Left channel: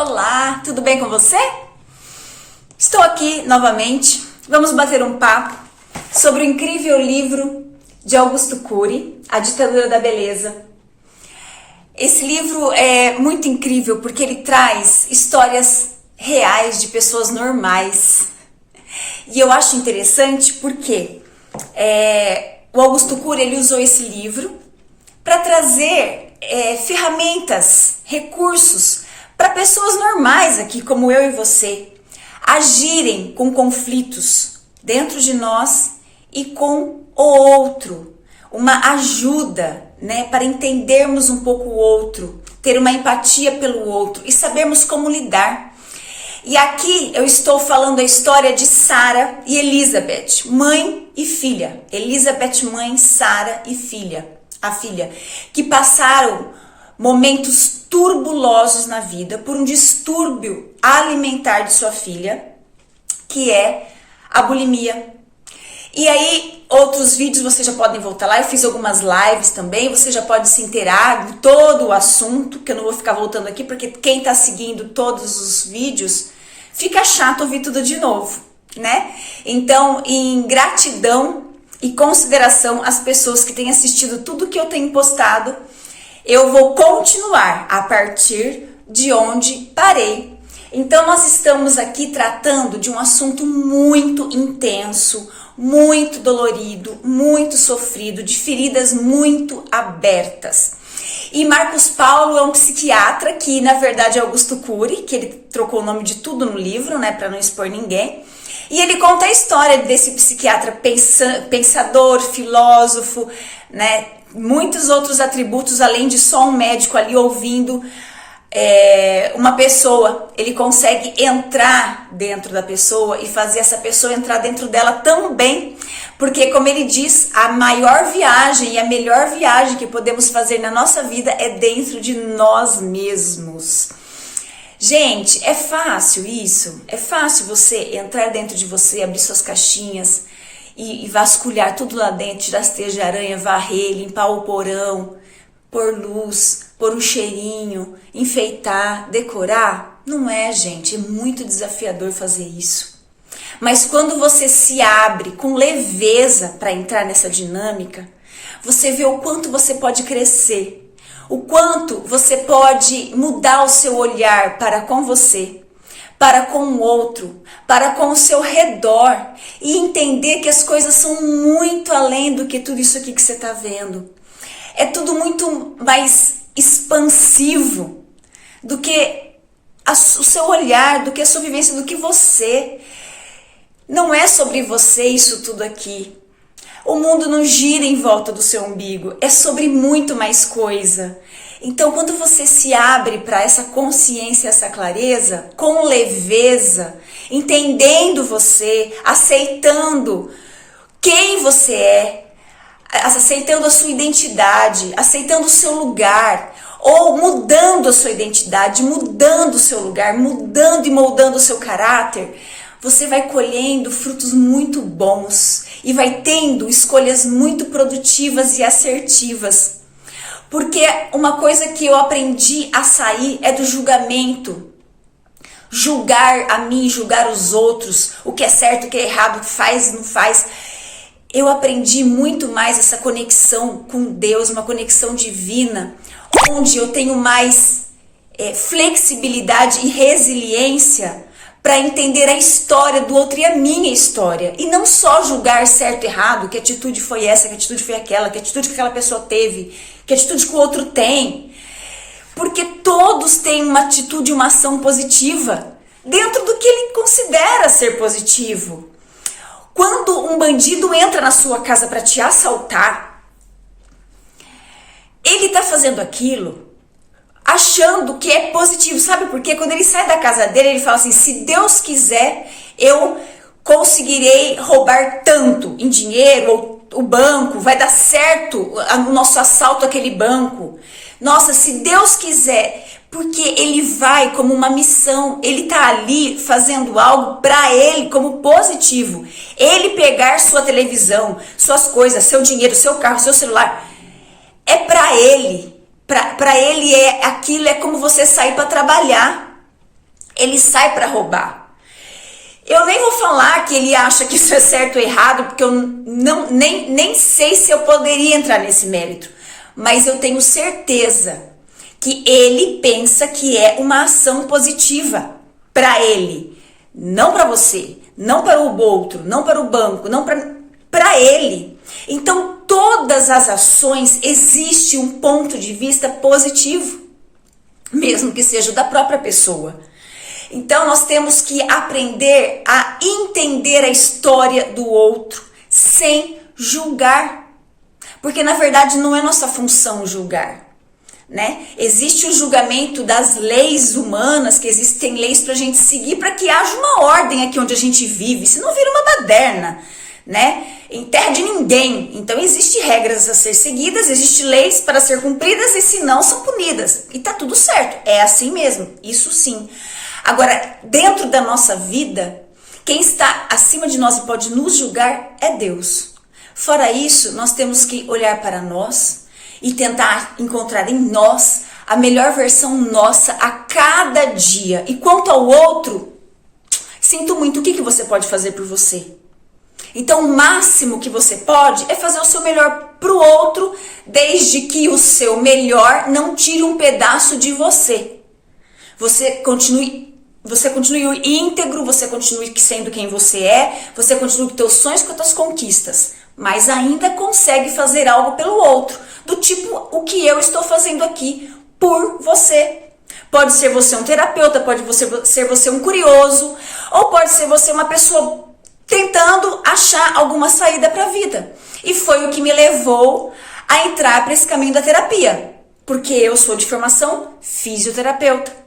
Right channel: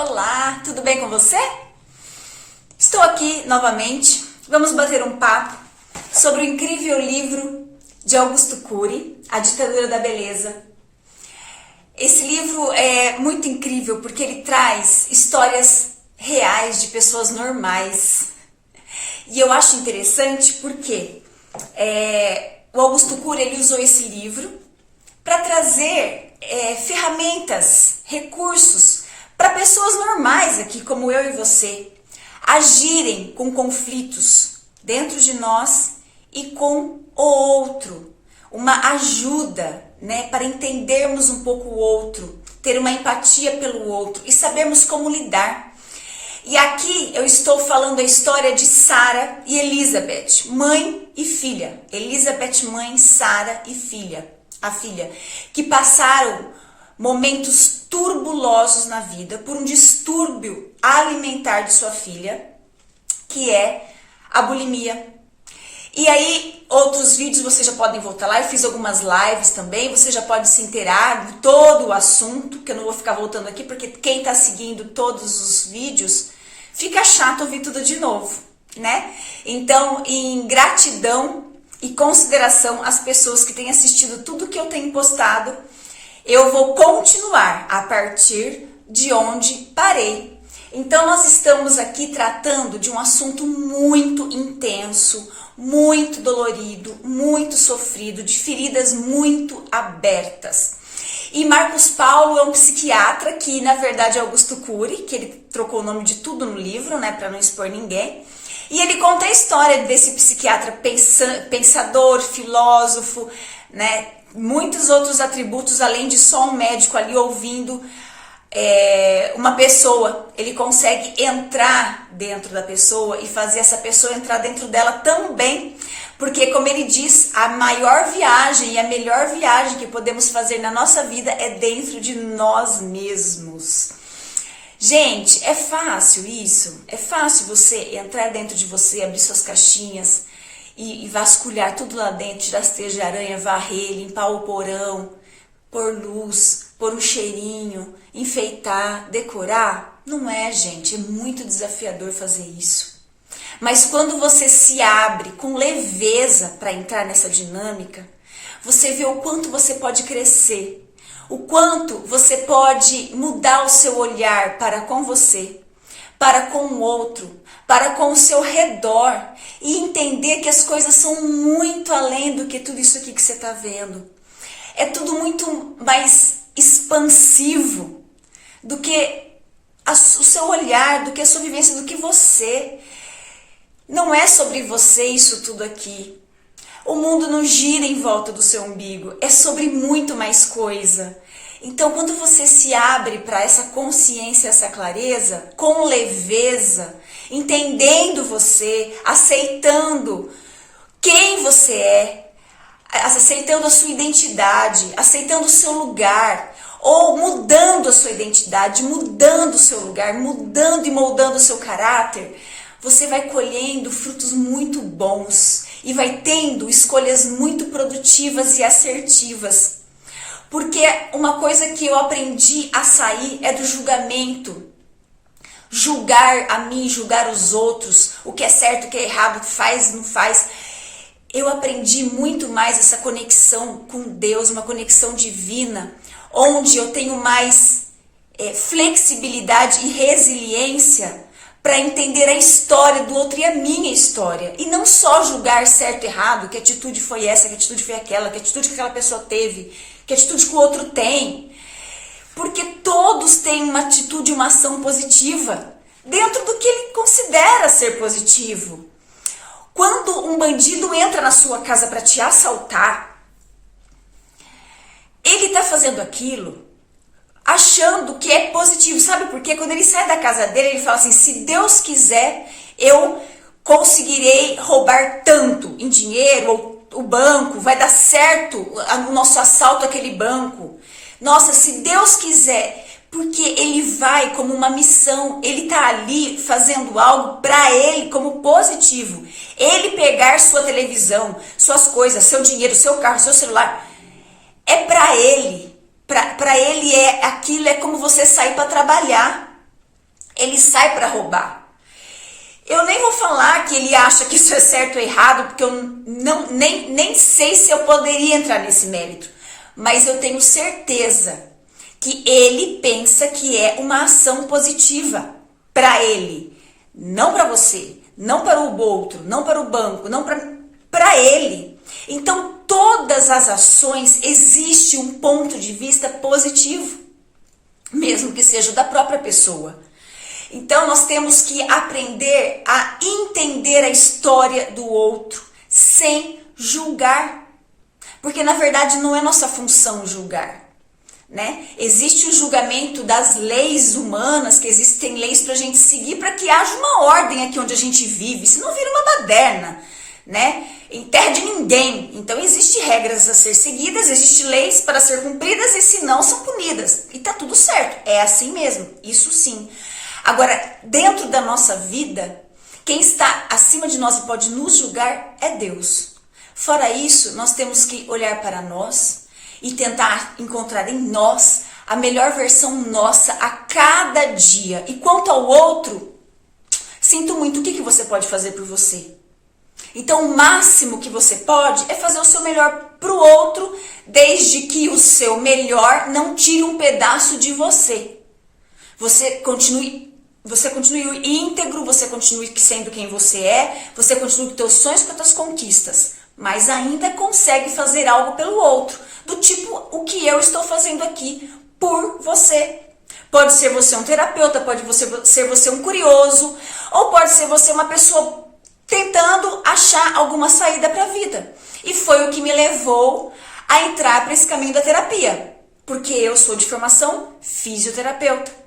Olá, tudo bem com você? Estou aqui novamente. Vamos bater um papo sobre o incrível livro de Augusto Cury, A Ditadura da Beleza. Esse livro é muito incrível porque ele traz histórias reais de pessoas normais. E eu acho interessante porque o Augusto Cury ele usou esse livro para trazer ferramentas, recursos para pessoas normais aqui, como eu e você, agirem com conflitos dentro de nós e com o outro. Uma ajuda, para entendermos um pouco o outro, ter uma empatia pelo outro e sabermos como lidar. E aqui eu estou falando a história de Sara e Elizabeth, mãe e filha. Elizabeth, mãe, Sara e filha, a filha, que passaram momentos turbulosos na vida por um distúrbio alimentar de sua filha, que é a bulimia. E aí, outros vídeos vocês já podem voltar lá, eu fiz algumas lives também, você já pode se inteirar de todo o assunto, que eu não vou ficar voltando aqui, porque quem tá seguindo todos os vídeos, fica chato ouvir tudo de novo, né? Então, em gratidão e consideração às pessoas que têm assistido tudo que eu tenho postado, eu vou continuar a partir de onde parei. Então, nós estamos aqui tratando de um assunto muito intenso, muito dolorido, muito sofrido, de feridas muito abertas. E Marcos Paulo é um psiquiatra que, na verdade, é Augusto Cury, que ele trocou o nome de tudo no livro, para não expor ninguém. E ele conta a história desse psiquiatra pensador, filósofo, muitos outros atributos, além de só um médico ali ouvindo uma pessoa. Ele consegue entrar dentro da pessoa e fazer essa pessoa entrar dentro dela também, porque, como ele diz, a maior viagem e a melhor viagem que podemos fazer na nossa vida é dentro de nós mesmos. Gente, é fácil isso? É fácil você entrar dentro de você, abrir suas caixinhas e vasculhar tudo lá dentro, tirar as teias de aranha, varrer, limpar o porão, pôr luz, pôr um cheirinho, enfeitar, decorar? Não é, gente, é muito desafiador fazer isso. Mas quando você se abre com leveza para entrar nessa dinâmica, você vê o quanto você pode crescer, o quanto você pode mudar o seu olhar para com você, para com o outro, para com o seu redor e entender que as coisas são muito além do que tudo isso aqui que você está vendo. É tudo muito mais expansivo do que o seu olhar, do que a sua vivência, do que você. Não é sobre você isso tudo aqui. O mundo não gira em volta do seu umbigo, é sobre muito mais coisa. Então, quando você se abre para essa consciência, essa clareza, com leveza, entendendo você, aceitando quem você é, aceitando a sua identidade, aceitando o seu lugar, ou mudando a sua identidade, mudando o seu lugar, mudando e moldando o seu caráter, você vai colhendo frutos muito bons e vai tendo escolhas muito produtivas e assertivas. Porque uma coisa que eu aprendi a sair é do julgamento. Julgar a mim, julgar os outros, o que é certo, o que é errado, o que faz, não faz. Eu aprendi muito mais essa conexão com Deus, uma conexão divina, onde eu tenho mais flexibilidade e resiliência para entender a história do outro e a minha história. E não só julgar certo e errado, que atitude foi essa, que atitude foi aquela, que atitude que aquela pessoa teve, que atitude que o outro tem. Porque todos têm uma atitude, uma ação positiva, dentro do que ele considera ser positivo. Quando um bandido entra na sua casa para te assaltar, ele está fazendo aquilo achando que é positivo. Sabe por quê? Quando ele sai da casa dele, ele fala assim: se Deus quiser, eu conseguirei roubar tanto em dinheiro, ou o banco, vai dar certo o nosso assalto àquele banco. Nossa, se Deus quiser, porque ele vai como uma missão, ele tá ali fazendo algo para ele como positivo. Ele pegar sua televisão, suas coisas, seu dinheiro, seu carro, seu celular, é para ele. Para ele aquilo é como você sair para trabalhar. ele sai para roubar. Eu nem vou falar que ele acha que isso é certo ou errado, porque eu nem sei se eu poderia entrar nesse mérito. Mas eu tenho certeza que ele pensa que é uma ação positiva para ele. Não para você, não para o outro, não para o banco, não para ele. Então, todas as ações existe um ponto de vista positivo, mesmo que seja da própria pessoa. Então, nós temos que aprender a entender a história do outro sem julgar. Porque, na verdade, não é nossa função julgar, né? Existe o julgamento das leis humanas, que existem leis para a gente seguir, para que haja uma ordem aqui onde a gente vive, senão vira uma baderna, né? Em terra de ninguém. Então, existem regras a ser seguidas, existem leis para ser cumpridas e se não, são punidas. E tá tudo certo, é assim mesmo, isso sim. Agora, dentro da nossa vida, quem está acima de nós e pode nos julgar é Deus. Fora isso, nós temos que olhar para nós e tentar encontrar em nós a melhor versão nossa a cada dia. E quanto ao outro, sinto muito, o que você pode fazer por você? Então, o máximo que você pode é fazer o seu melhor para o outro, desde que o seu melhor não tire um pedaço de você. Você continue íntegro, você continue sendo quem você continue com teus sonhos, com as tuas conquistas, mas ainda consegue fazer algo pelo outro, do tipo o que eu estou fazendo aqui por você. Pode ser você um terapeuta, pode ser você um curioso, ou pode ser você uma pessoa tentando achar alguma saída para a vida. E foi o que me levou a entrar para esse caminho da terapia, porque eu sou de formação fisioterapeuta.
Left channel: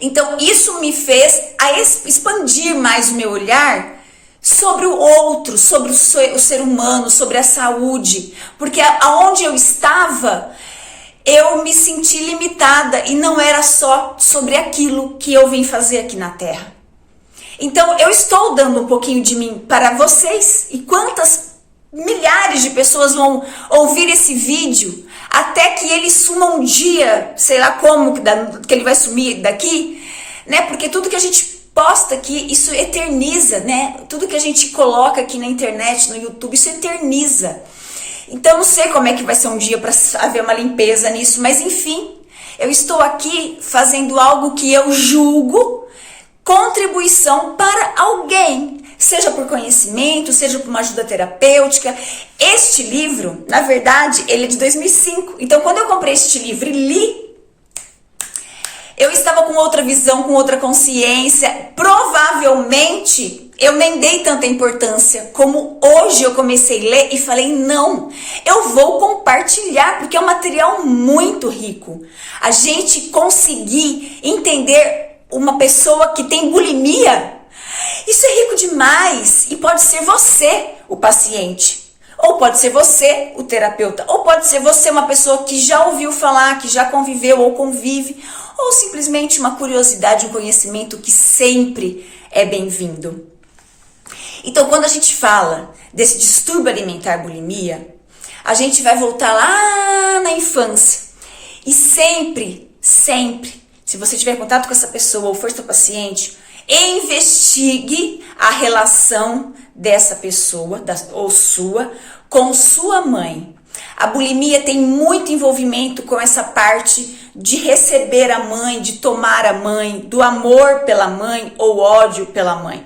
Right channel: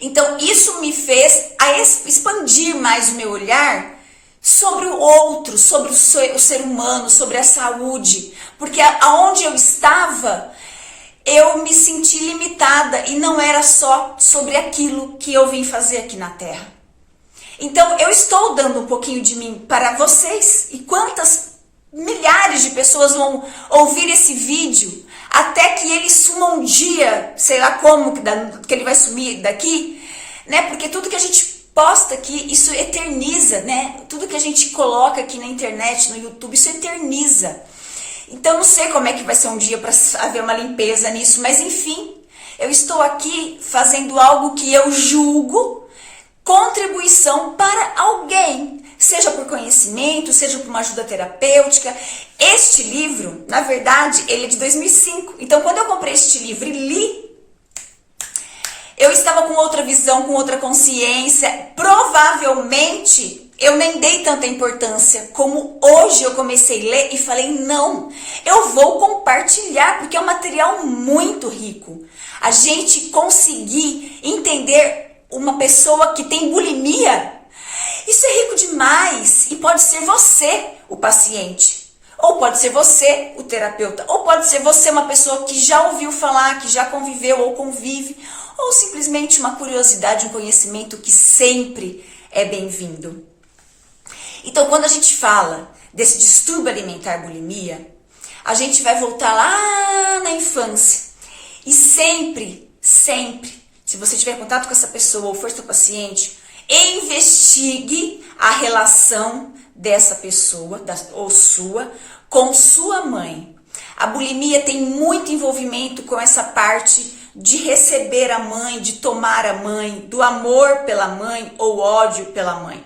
Então, isso me fez a expandir mais o meu olhar sobre o outro, sobre o ser humano, sobre a saúde. Porque aonde eu estava, eu me senti limitada e não era só sobre aquilo que eu vim fazer aqui na Terra. Então, eu estou dando um pouquinho de mim para vocês. E quantas milhares de pessoas vão ouvir esse vídeo até que ele suma um dia, sei lá como que ele vai sumir daqui, né? Porque tudo que a gente posta aqui, isso eterniza, né? Tudo que a gente coloca aqui na internet, no YouTube, isso eterniza. Então, não sei como é que vai ser um dia para haver uma limpeza nisso, mas enfim, eu estou aqui fazendo algo que eu julgo contribuição para alguém, seja por conhecimento, seja por uma ajuda terapêutica. Este livro, na verdade, ele é de 2005. Então, quando eu comprei este livro e li, eu estava com outra visão, com outra consciência. Provavelmente, eu nem dei tanta importância como hoje eu comecei a ler e falei, não, eu vou compartilhar, porque é um material muito rico. A gente conseguir entender uma pessoa que tem bulimia, isso é rico demais. E pode ser você o paciente, ou pode ser você o terapeuta, ou pode ser você uma pessoa que já ouviu falar, que já conviveu ou convive, ou simplesmente uma curiosidade, um conhecimento que sempre é bem-vindo. Então, quando a gente fala desse distúrbio alimentar bulimia, a gente vai voltar lá na infância. E sempre, se você tiver contato com essa pessoa ou for seu paciente, investigue a relação dessa pessoa, ou sua, com sua mãe. A bulimia tem muito envolvimento com essa parte de receber a mãe, de tomar a mãe, do amor pela mãe ou ódio pela mãe.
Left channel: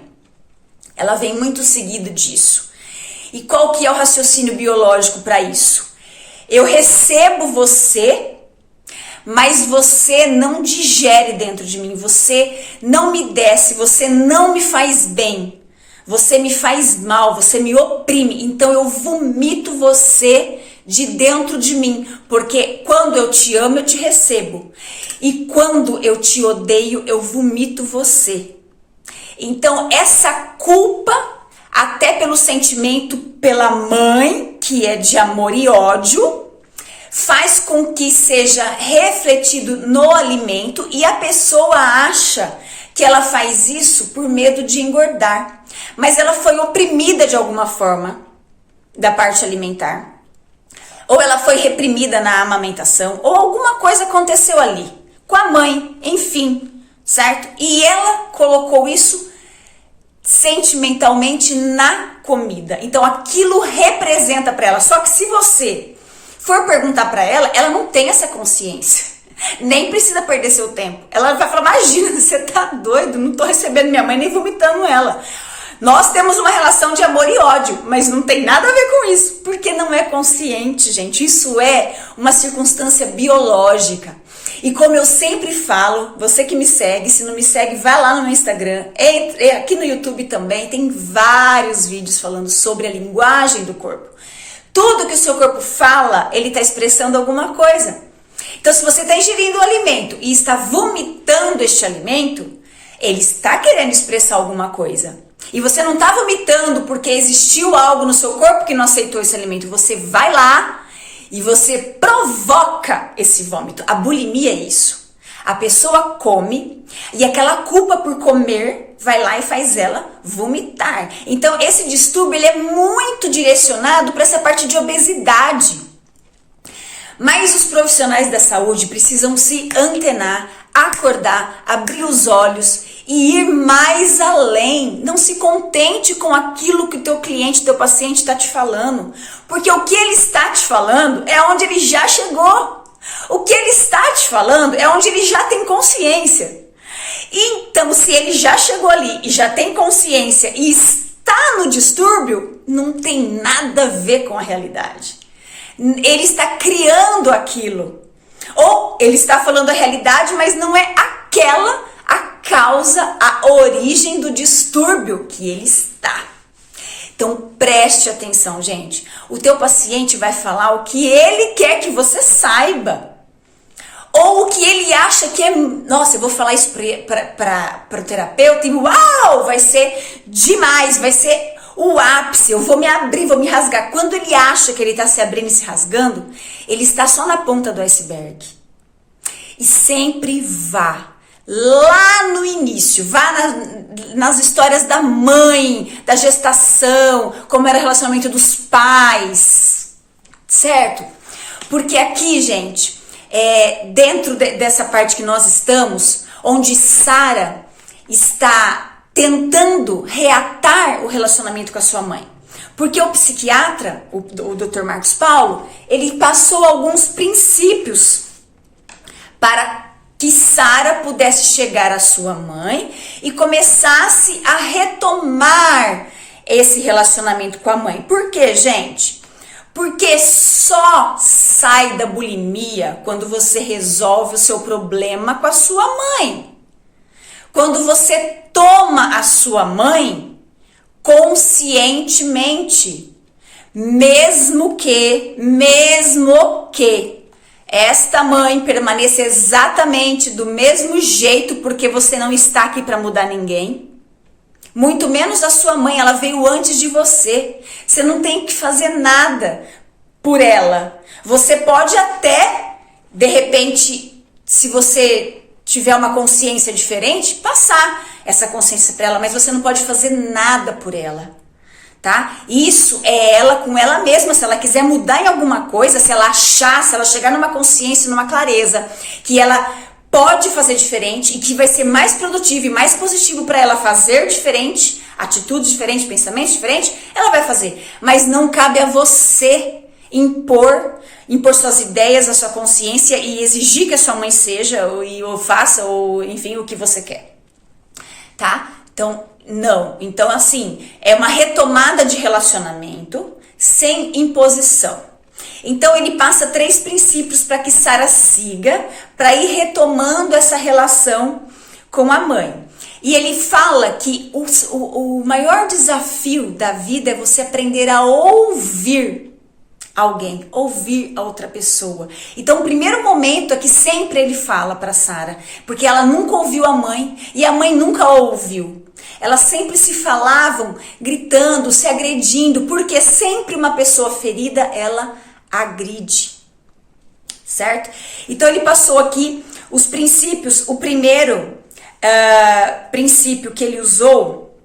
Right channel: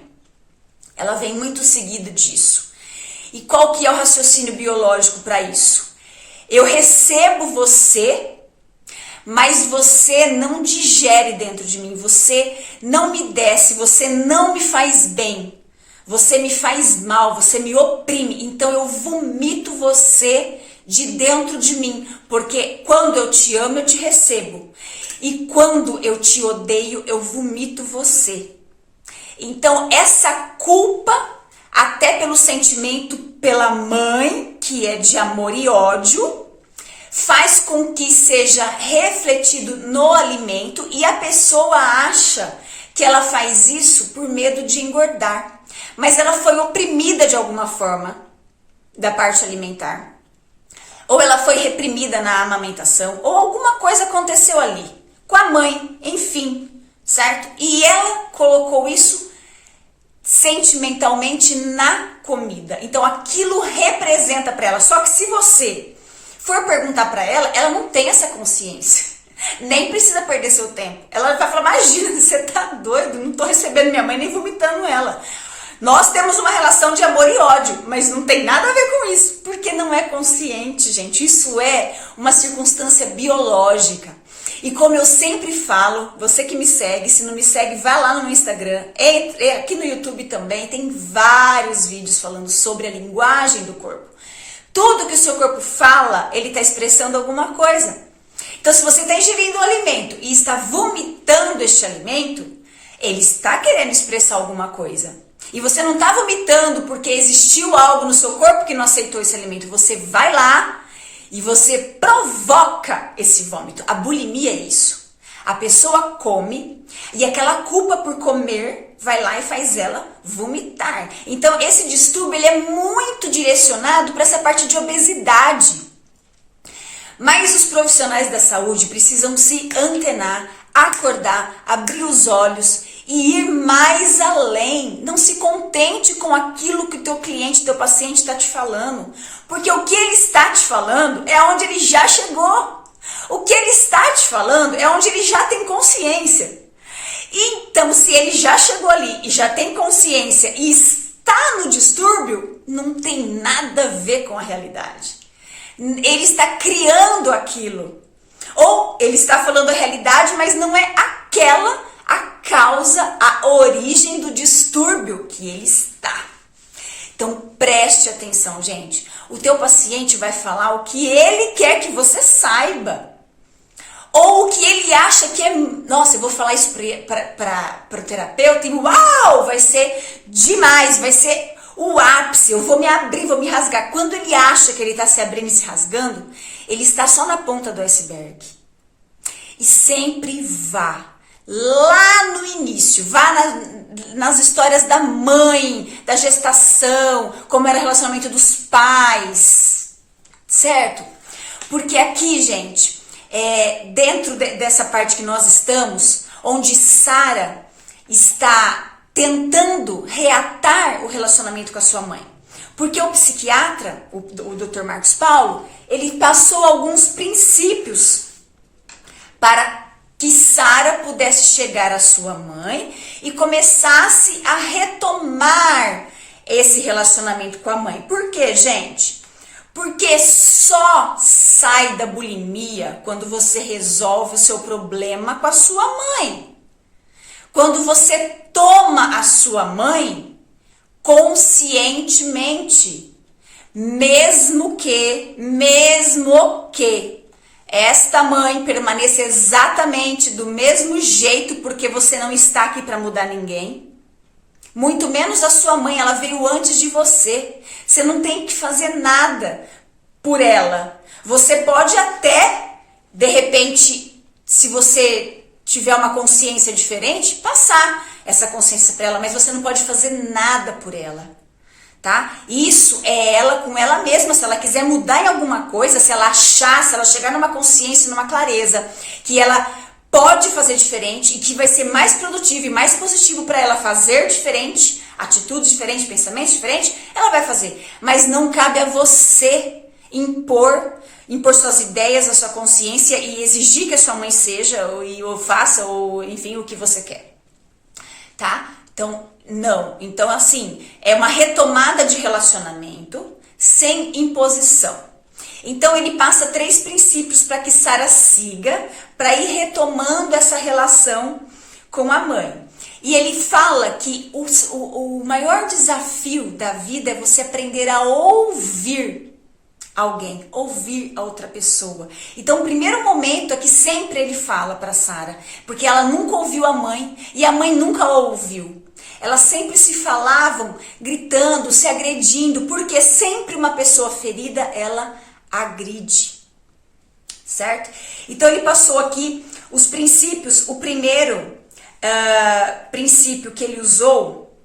Ela vem muito seguida disso. E qual que é o raciocínio biológico para isso? Eu recebo você, mas você não digere dentro de mim, você não me desce, você não me faz bem, você me faz mal, você me oprime, então eu vomito você de dentro de mim, porque quando eu te amo, eu te recebo, e quando eu te odeio, eu vomito você. Então essa culpa, até pelo sentimento pela mãe, que é de amor e ódio, faz com que seja refletido no alimento e a pessoa acha que ela faz isso por medo de engordar. Mas ela foi oprimida de alguma forma da parte alimentar. Ou ela foi reprimida na amamentação, ou alguma coisa aconteceu ali, com a mãe, enfim. certo? E ela colocou isso sentimentalmente na comida. Então aquilo representa para ela. Só que se você for perguntar para ela, ela não tem essa consciência. Nem precisa perder seu tempo. Ela vai falar: imagina, você tá doido, não tô recebendo minha mãe nem vomitando ela. Nós temos uma relação de amor e ódio, mas não tem nada a ver com isso, porque não é consciente, gente. Isso é uma circunstância biológica. E como eu sempre falo, você que me segue, se não me segue, vai lá no meu Instagram, aqui no YouTube também, tem vários vídeos falando sobre a linguagem do corpo. Tudo que o seu corpo fala, ele está expressando alguma coisa. Então, se você está ingerindo o alimento e está vomitando este alimento, ele está querendo expressar alguma coisa. E você não está vomitando porque existiu algo no seu corpo que não aceitou esse alimento. Você vai lá e você provoca esse vômito. A bulimia é isso. A pessoa come e aquela culpa por comer vai lá e faz ela vomitar. Então, esse distúrbio ele é muito direcionado para essa parte de obesidade. Mas os profissionais da saúde precisam se antenar, acordar, abrir os olhos e ir mais além. Não se contente com aquilo que o teu cliente, teu paciente está te falando. Porque o que ele está te falando é onde ele já chegou. O que ele está te falando é onde ele já tem consciência. Então, se ele já chegou ali e já tem consciência e está no distúrbio, não tem nada a ver com a realidade. Ele está criando aquilo. Ou ele está falando a realidade, mas não é aquela a causa, a origem do distúrbio que ele está. Então preste atenção, gente. O teu paciente vai falar o que ele quer que você saiba. Ou o que ele acha que é... Nossa, eu vou falar isso para o terapeuta e uau, vai ser demais, vai ser o ápice, eu vou me abrir, vou me rasgar. Quando ele acha que ele está se abrindo e se rasgando, ele está só na ponta do iceberg. E sempre vá lá no início, vá nas histórias da mãe, da gestação, como era o relacionamento dos pais, certo? Porque aqui, gente, dentro dessa parte que nós estamos, onde Sara está tentando reatar o relacionamento com a sua mãe. Porque o psiquiatra, o Dr. Marcos Paulo, ele passou alguns princípios para que Sara pudesse chegar à sua mãe e começasse a retomar esse relacionamento com a mãe. Por quê, gente? Porque só sai da bulimia quando você resolve o seu problema com a sua mãe. Quando você toma a sua mãe conscientemente, mesmo que esta mãe permaneça exatamente do mesmo jeito, porque você não está aqui para mudar ninguém, muito menos a sua mãe, ela veio antes de você. Você não tem que fazer nada por ela. Você pode até, de repente, se você tiver uma consciência diferente, passar essa consciência para ela, mas você não pode fazer nada por ela, tá? Isso é ela com ela mesma. Se ela quiser mudar em alguma coisa, se ela achar, se ela chegar numa consciência, numa clareza, que ela pode fazer diferente e que vai ser mais produtivo e mais positivo para ela fazer diferente, atitude diferente, pensamento diferente, ela vai fazer. Mas não cabe a você impor suas ideias, a sua consciência e exigir que a sua mãe seja ou faça, ou enfim, o que você quer, tá? Então, não. Então, assim, é uma retomada de relacionamento sem imposição. Então, ele passa 3 princípios para que Sara siga, para ir retomando essa relação com a mãe. E ele fala que o maior desafio da vida é você aprender a ouvir alguém, ouvir a outra pessoa. Então, o primeiro momento é que sempre ele fala para Sara, porque ela nunca ouviu a mãe e a mãe nunca a ouviu. Elas sempre se falavam, gritando, se agredindo, porque sempre uma pessoa ferida, ela agride, certo? Então, ele passou aqui os princípios. O primeiro princípio que ele usou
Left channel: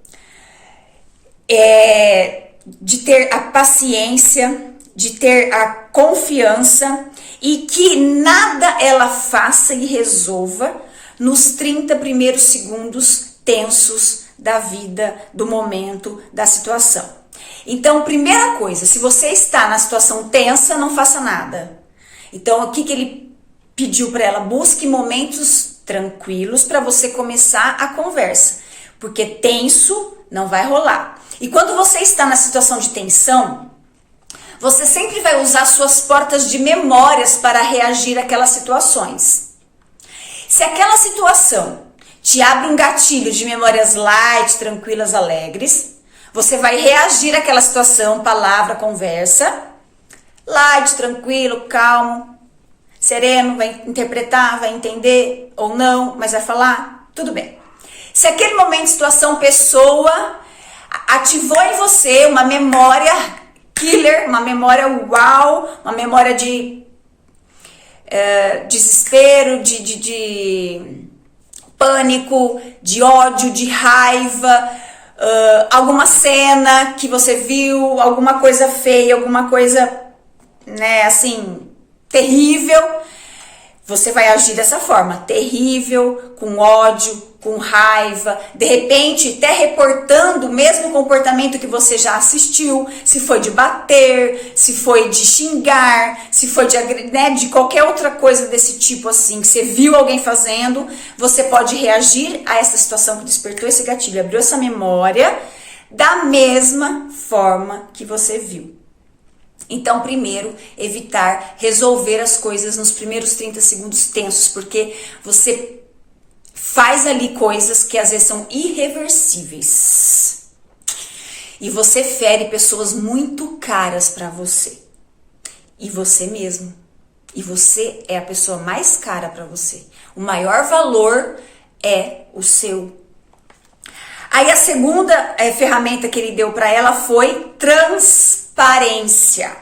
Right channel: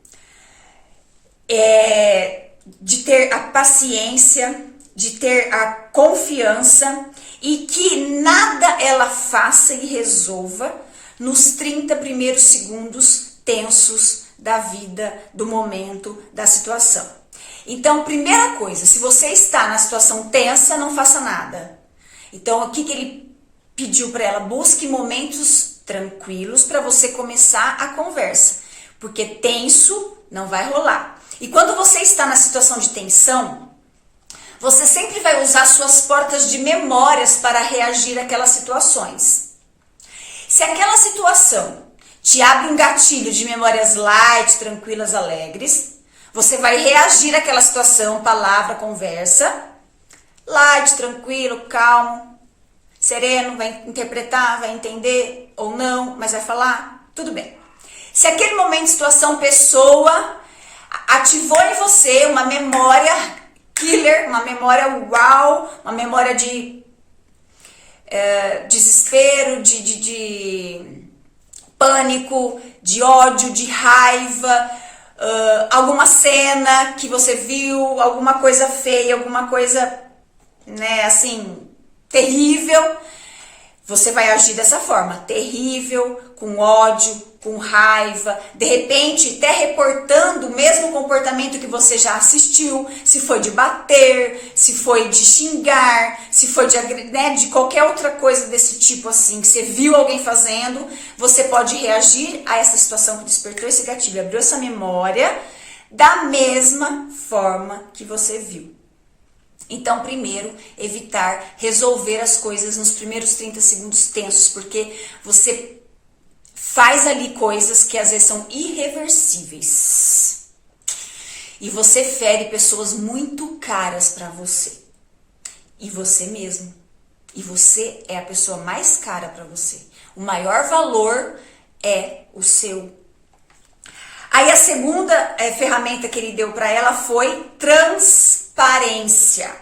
é de ter a paciência, de ter a confiança e que nada ela faça e resolva nos 30 primeiros segundos tensos da vida, do momento, da situação. Então, primeira coisa, se você está na situação tensa, não faça nada. Então, o que ele pediu para ela? Busque momentos tranquilos para você começar a conversa, porque tenso não vai rolar. E quando você está na situação de tensão, você sempre vai usar suas portas de memórias para reagir àquelas situações. Se aquela situação te abre um gatilho de memórias light, tranquilas, alegres, você vai reagir àquela situação, palavra, conversa, light, tranquilo, calmo, sereno, vai interpretar, vai entender ou não, mas vai falar, tudo bem. Se aquele momento, situação, pessoa ativou em você uma memória killer, uma memória uau, uma memória de desespero, de pânico, de ódio, de raiva, alguma cena que você viu, alguma coisa feia, alguma coisa, né, assim, terrível, você vai agir dessa forma, terrível, com ódio, com raiva, de repente até reportando o mesmo comportamento que você já assistiu, se foi de bater, se foi de xingar, se foi de qualquer outra coisa desse tipo assim, que você viu alguém fazendo, você pode reagir a essa situação que despertou esse gatilho, abriu essa memória da mesma forma que você viu. Então, primeiro, evitar resolver as coisas nos primeiros 30 segundos tensos, porque você faz ali coisas que às vezes são irreversíveis. E você fere pessoas muito caras para você. E você mesmo. E você é a pessoa mais cara para você. O maior valor é o seu. Aí a segunda ferramenta que ele deu para ela foi transparência.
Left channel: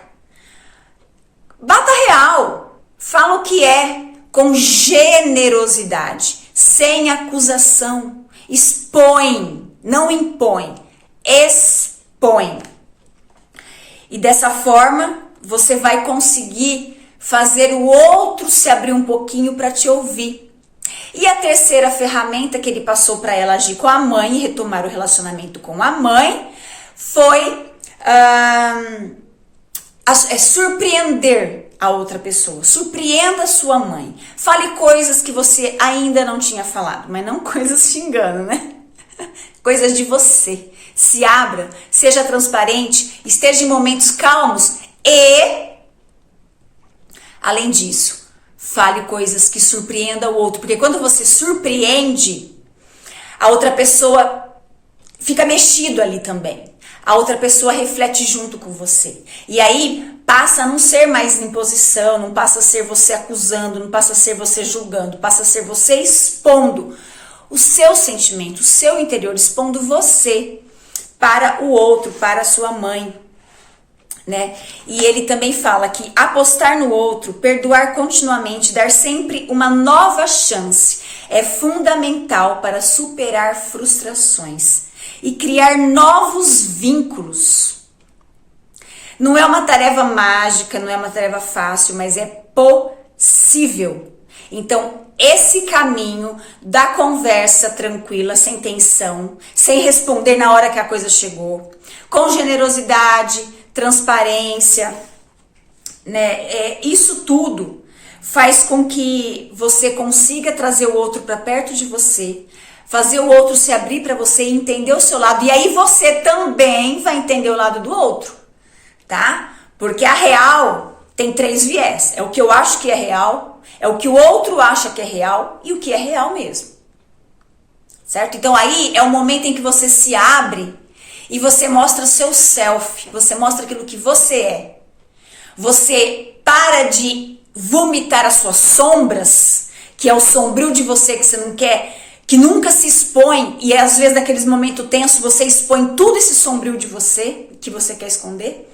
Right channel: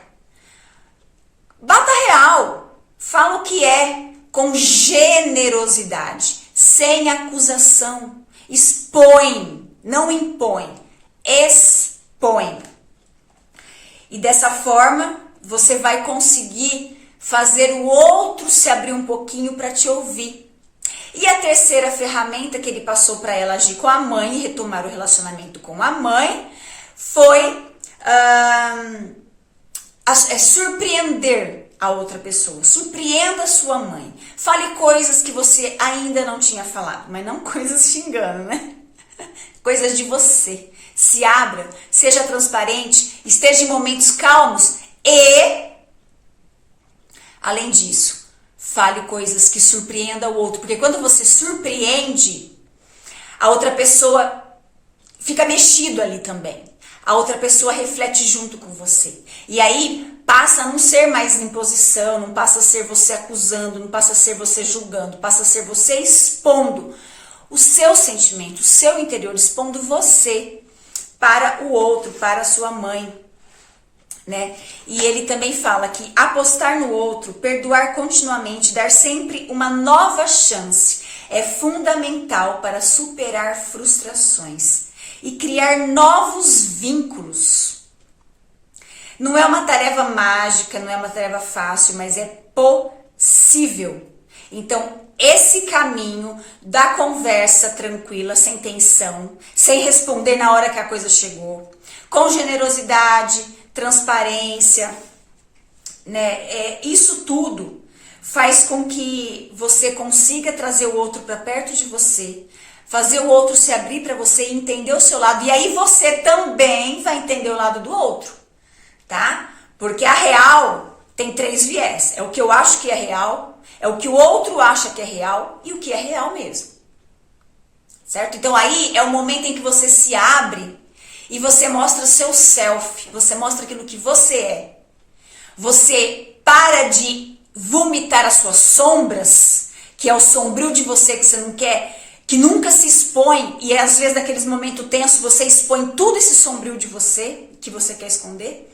Bata real, fala o que é, com generosidade, sem acusação, expõe, não impõe, expõe. E dessa forma, você vai conseguir fazer o outro se abrir um pouquinho para te ouvir. E a terceira ferramenta que ele passou para ela agir com a mãe e retomar o relacionamento com a mãe foi surpreender a outra pessoa. Surpreenda a sua mãe. Fale coisas que você ainda não tinha falado, mas não coisas xingando, né? Coisas de você. Se abra, seja transparente, esteja em momentos calmos e, além disso, fale coisas que surpreendam o outro. Porque quando você surpreende, a outra pessoa fica mexido ali também. A outra pessoa reflete junto com você. E aí passa a não ser mais imposição, não passa a ser você acusando, não passa a ser você julgando, passa a ser você expondo o seu sentimento, o seu interior, expondo você para o outro, para a sua mãe, né? E ele também fala que apostar no outro, perdoar continuamente, dar sempre uma nova chance é fundamental para superar frustrações e criar novos vínculos. Não é uma tarefa mágica, não é uma tarefa fácil, mas é possível. Então, esse caminho da conversa tranquila, sem tensão, sem responder na hora que a coisa chegou, com generosidade, transparência, né? Isso tudo faz com que você consiga trazer o outro para perto de você, fazer o outro se abrir para você e entender o seu lado. E aí você também vai entender o lado do outro, tá? Porque a real tem 3 viés. É o que eu acho que é real, é o que o outro acha que é real e o que é real mesmo. Certo? Então aí é o momento em que você se abre e você mostra o seu self, você mostra aquilo que você é. Você para de vomitar as suas sombras, que é o sombrio de você que você não quer, que nunca se expõe, e às vezes naqueles momentos tensos você expõe tudo esse sombrio de você, que você quer esconder.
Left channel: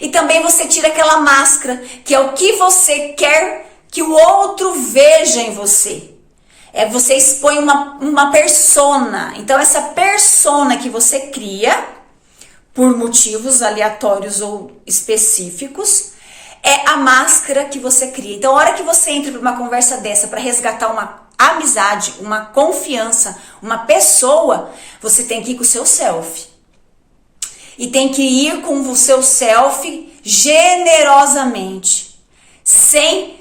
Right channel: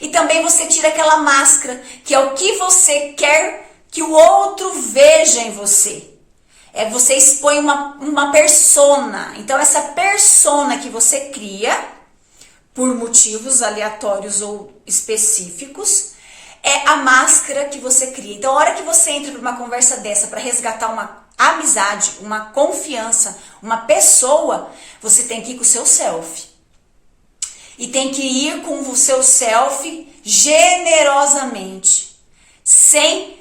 E também você tira aquela máscara, que é o que você quer que o outro veja em você. Você expõe uma persona. Então essa persona que você cria, por motivos aleatórios ou específicos, é a máscara que você cria. Então a hora que você entra numa conversa dessa para resgatar amizade, uma confiança, uma pessoa, você tem que ir com o seu self. E tem que ir com o seu self generosamente, sem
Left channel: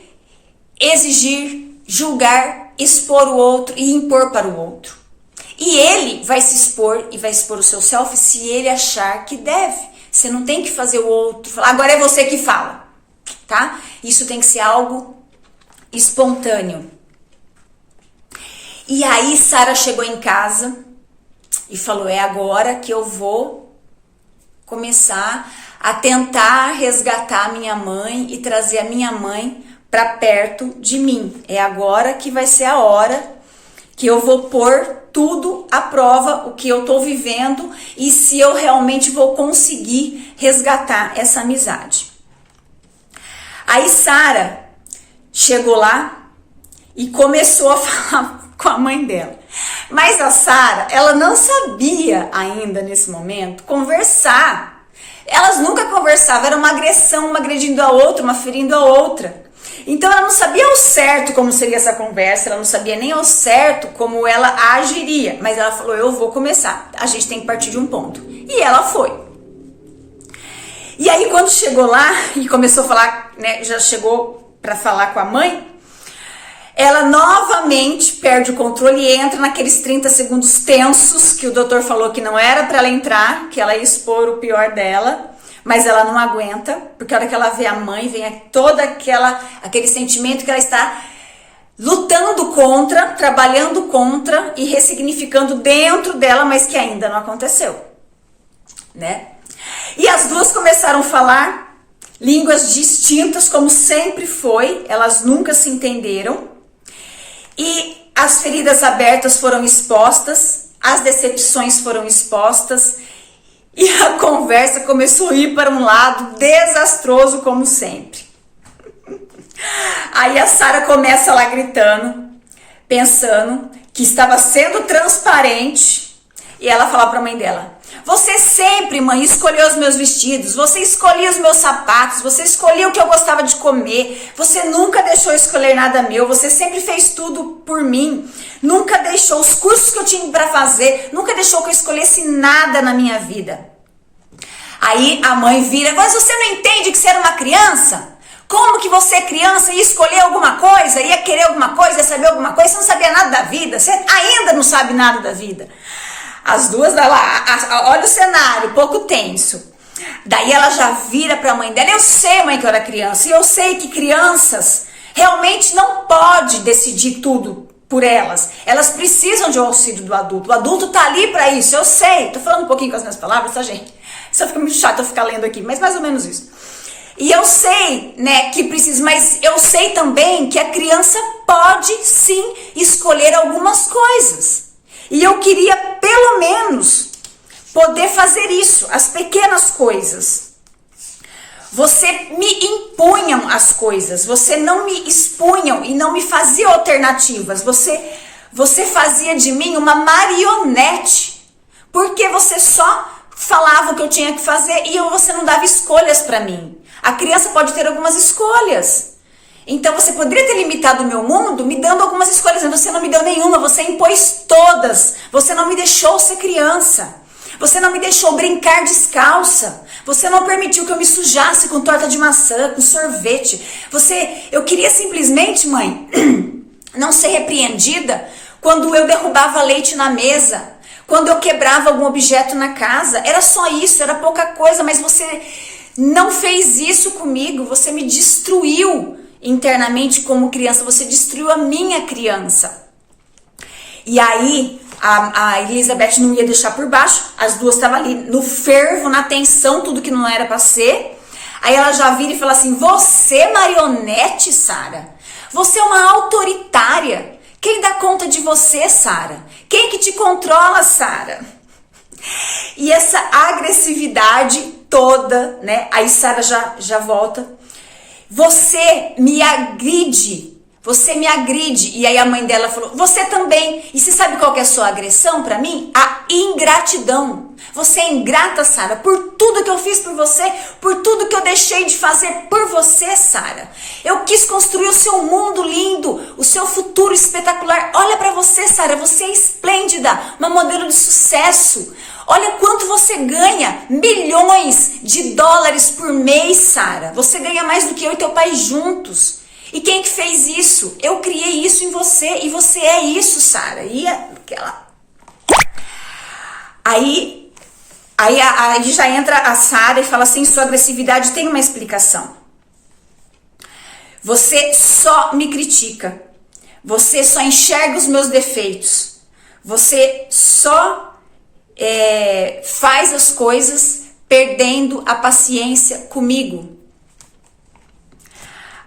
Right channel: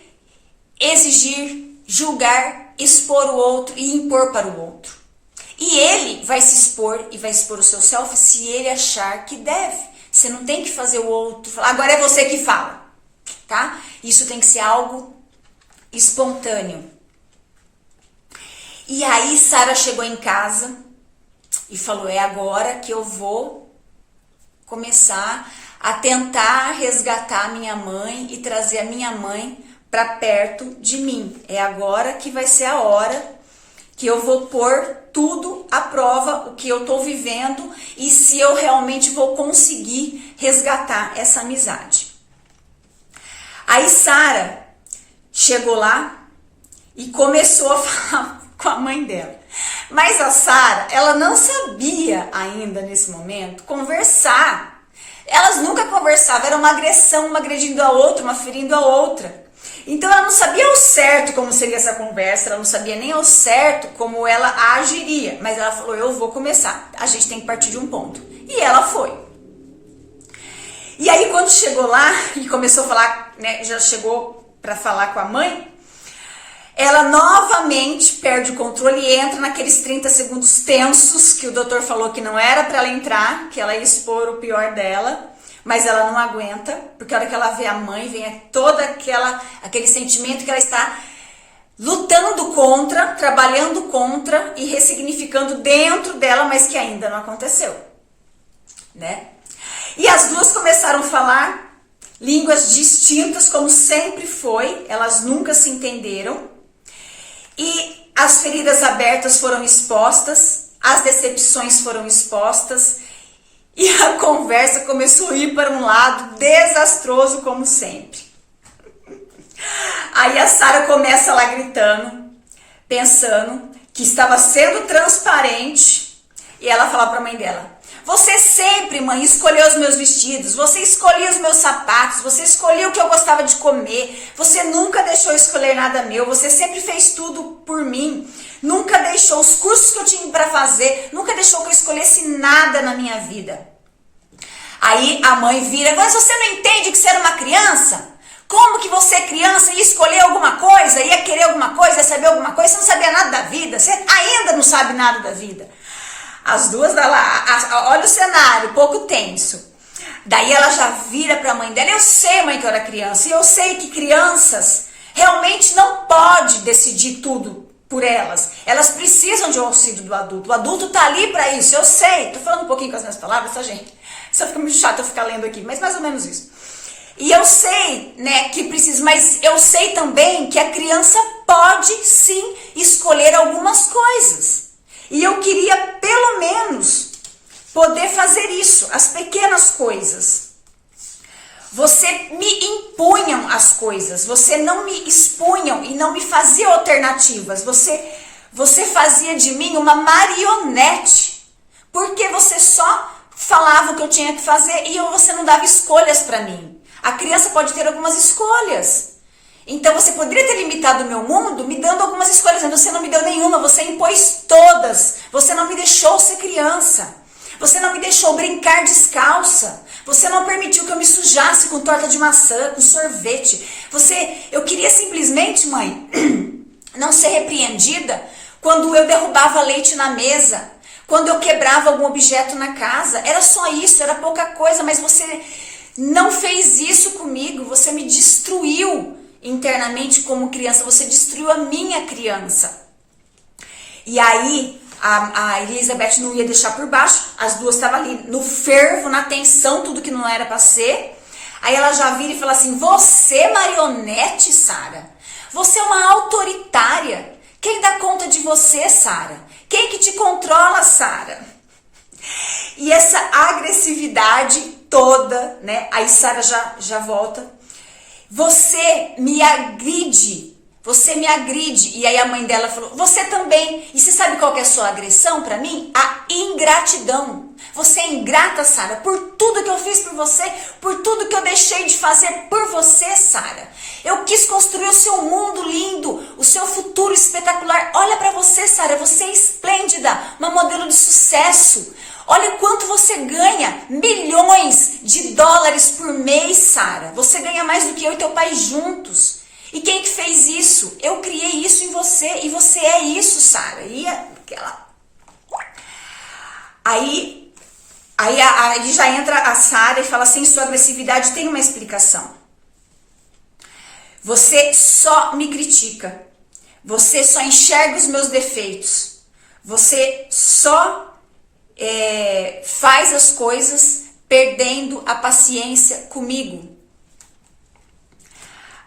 exigir, julgar, expor o outro e impor para o outro. E ele vai se expor e vai expor o seu self se ele achar que deve. Você não tem que fazer o outro falar, agora é você que fala, tá? Isso tem que ser algo espontâneo. E aí Sara chegou em casa e falou, é agora que eu vou começar a tentar resgatar a minha mãe e trazer a minha mãe para perto de mim. É agora que vai ser a hora que eu vou pôr tudo à prova, o que eu tô vivendo e se eu realmente vou conseguir resgatar essa amizade. Aí Sara chegou lá e começou a falar com a mãe dela. Mas a Sara, ela não sabia ainda nesse momento conversar. Elas nunca conversavam, era uma agressão, uma agredindo a outra, uma ferindo a outra. Então ela não sabia ao certo como seria essa conversa, ela não sabia nem ao certo como ela agiria. Mas ela falou, eu vou começar, a gente tem que partir de um ponto. E ela foi. E aí quando chegou lá e começou a falar, né, já chegou para falar com a mãe, ela novamente perde o controle e entra naqueles 30 segundos tensos que o doutor falou que não era para ela entrar, que ela ia expor o pior dela, mas ela não aguenta, porque a hora que ela vê a mãe, vem todo aquele sentimento que ela está lutando contra, trabalhando contra e ressignificando dentro dela, mas que ainda não aconteceu, né? E as duas começaram a falar línguas distintas, como sempre foi, elas nunca se entenderam. E as feridas abertas foram expostas, as decepções foram expostas e a conversa começou a ir para um lado desastroso como sempre. Aí a Sara começa lá gritando, pensando que estava sendo transparente e ela fala para a mãe dela, você sempre, mãe, escolheu os meus vestidos, você escolhia os meus sapatos, você escolhia o que eu gostava de comer, você nunca deixou eu escolher nada meu, você sempre fez tudo por mim, nunca deixou os cursos que eu tinha para fazer, nunca deixou que eu escolhesse nada na minha vida. Aí a mãe vira, mas você não entende que você era uma criança? Como que você, criança, ia escolher alguma coisa, ia querer alguma coisa, ia saber alguma coisa, você não sabia nada da vida, você ainda não sabe nada da vida. As duas, olha o cenário, pouco tenso. Daí ela já vira para a mãe dela, eu sei, mãe, que eu era criança, e eu sei que crianças realmente não podem decidir tudo por elas. Elas precisam de um auxílio do adulto. O adulto tá ali para isso, eu sei. Tô falando um pouquinho com as minhas palavras, tá, gente? Isso fica muito chato eu ficar lendo aqui, mas mais ou menos isso. E eu sei, né, que precisa, mas eu sei também que a criança pode sim escolher algumas coisas. E eu queria, pelo menos, poder fazer isso, as pequenas coisas. Você me impunham as coisas, você não me expunham e não me fazia alternativas. Você fazia de mim uma marionete, porque você só falava o que eu tinha que fazer e você não dava escolhas para mim. A criança pode ter algumas escolhas. Então você poderia ter limitado o meu mundo me dando algumas escolhas, mas você não me deu nenhuma, você impôs todas. Você não me deixou ser criança. Você não me deixou brincar descalça. Você não permitiu que eu me sujasse com torta de maçã, com sorvete. Eu queria simplesmente, mãe, não ser repreendida quando eu derrubava leite na mesa, quando eu quebrava algum objeto na casa. Era só isso, era pouca coisa, mas você não fez isso comigo, você me destruiu internamente como criança, você destruiu a minha criança. E aí a Elizabeth não ia deixar por baixo, as duas estavam ali no fervo, na tensão, tudo que não era para ser. Aí ela já vira e fala assim, você marionete, Sara, você é uma autoritária, quem dá conta de você, Sara? Quem que te controla, Sara? E essa agressividade toda, né? Aí Sara já volta. Você me agride, Você me agride. E aí a mãe dela falou, você também. E você sabe qual que é a sua agressão pra mim? A ingratidão. Você é ingrata, Sara, por tudo que eu fiz por você, por tudo que eu deixei de fazer por você, Sara. Eu quis construir o seu mundo lindo, o seu futuro espetacular. Olha pra você, Sara, você é esplêndida, uma modelo de sucesso. Olha quanto você ganha, milhões de dólares por mês, Sara. Você ganha mais do que eu e teu pai juntos. E quem que fez isso? Eu criei isso em você e você é isso, Sara. E aquela... Aí já entra a Sara e fala assim, sua agressividade tem uma explicação. Você só me critica. Você só enxerga os meus defeitos. Você só faz as coisas perdendo a paciência comigo.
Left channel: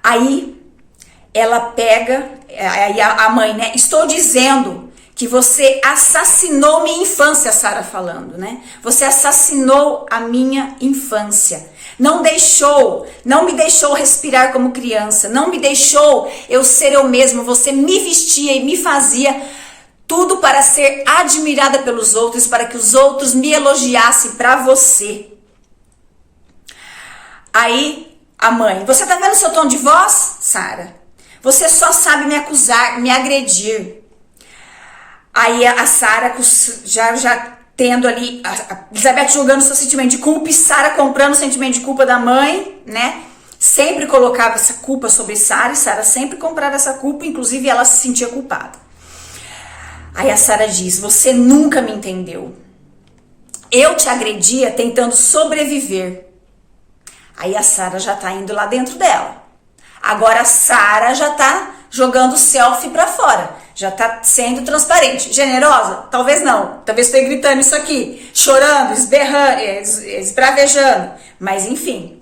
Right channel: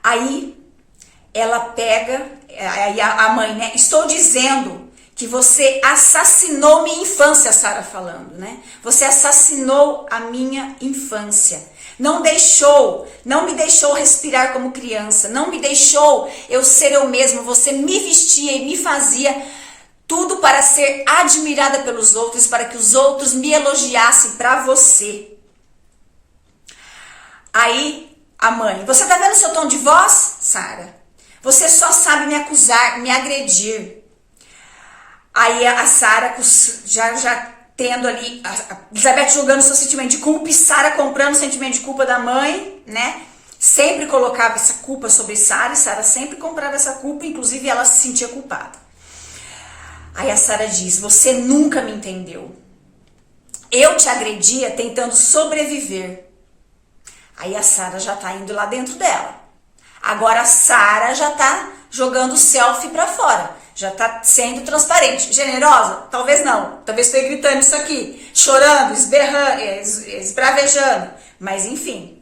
Aí ela pega, aí a mãe, né? Estou dizendo que você assassinou minha infância, Sara falando, né? Você assassinou a minha infância. Não me deixou respirar como criança. Não me deixou eu ser eu mesma. Você me vestia e me fazia tudo para ser admirada pelos outros, para que os outros me elogiassem para você. Aí a mãe, você tá vendo o seu tom de voz, Sara? Você só sabe me acusar, me agredir. Aí a Sara já tendo ali, a Elizabeth jogando seu sentimento de culpa e Sara comprando o sentimento de culpa da mãe, né? Sempre colocava essa culpa sobre Sara e Sara sempre comprava essa culpa, inclusive ela se sentia culpada. Aí a Sara diz, você nunca me entendeu. Eu te agredia tentando sobreviver. Aí a Sara já tá indo lá dentro dela. Agora a Sara já tá jogando o selfie pra fora. Já tá sendo transparente. Generosa? Talvez não. Talvez esteja gritando isso aqui. Chorando, esberrando, esbravejando. Mas enfim.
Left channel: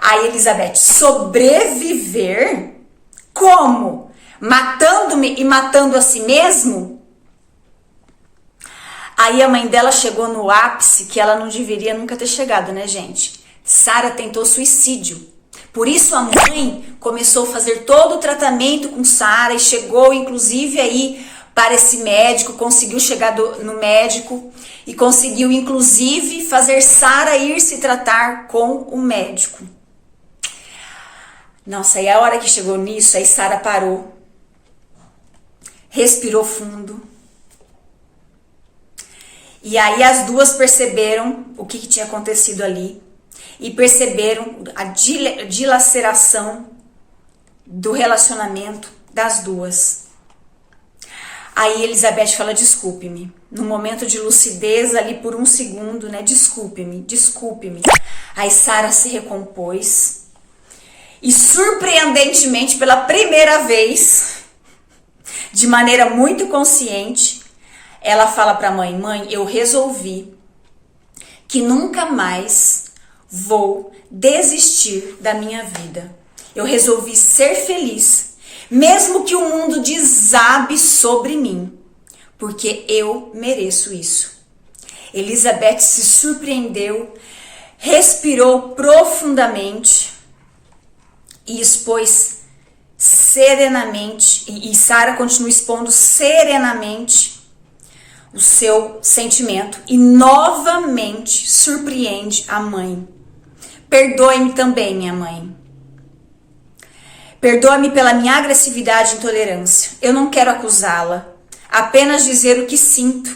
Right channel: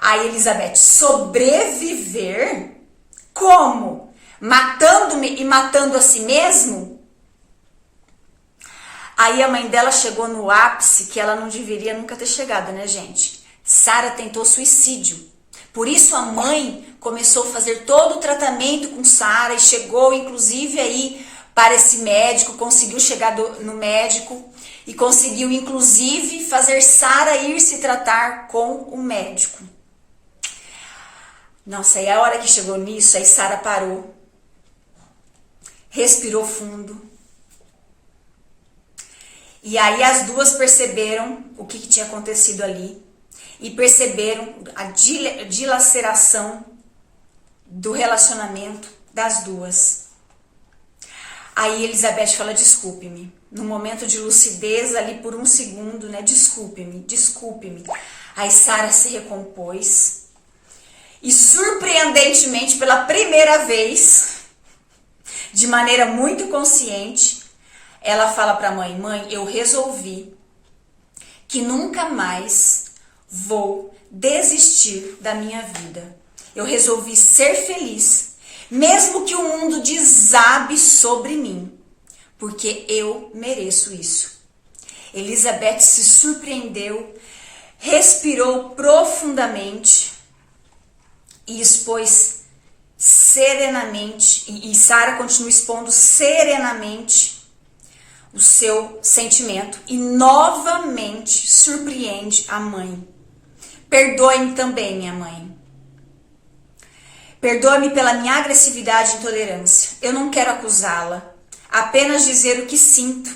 Aí Elizabeth, sobreviver? Como? Matando-me e matando a si mesmo? Aí a mãe dela chegou no ápice que ela não deveria nunca ter chegado, né, gente? Sara tentou suicídio. Por isso a mãe começou a fazer todo o tratamento com Sara e chegou inclusive aí para esse médico, conseguiu chegar no médico e conseguiu inclusive fazer Sara ir se tratar com o médico. Nossa, e a hora que chegou nisso, aí Sara parou, respirou fundo. E aí as duas perceberam o que tinha acontecido ali. E perceberam a dilaceração do relacionamento das duas. Aí Elizabeth fala, desculpe-me. No momento de lucidez ali por um segundo, né? Desculpe-me, desculpe-me. Aí Sara se recompôs. E surpreendentemente, pela primeira vez, de maneira muito consciente, ela fala para a mãe, mãe, eu resolvi que nunca mais vou desistir da minha vida. Eu resolvi ser feliz, mesmo que o mundo desabe sobre mim, porque eu mereço isso. Elizabeth se surpreendeu, respirou profundamente e expôs serenamente, e Sara continua expondo serenamente o seu sentimento e novamente surpreende a mãe. Perdoe-me também, minha mãe. Perdoe-me pela minha agressividade e intolerância. Eu não quero acusá-la, apenas dizer o que sinto.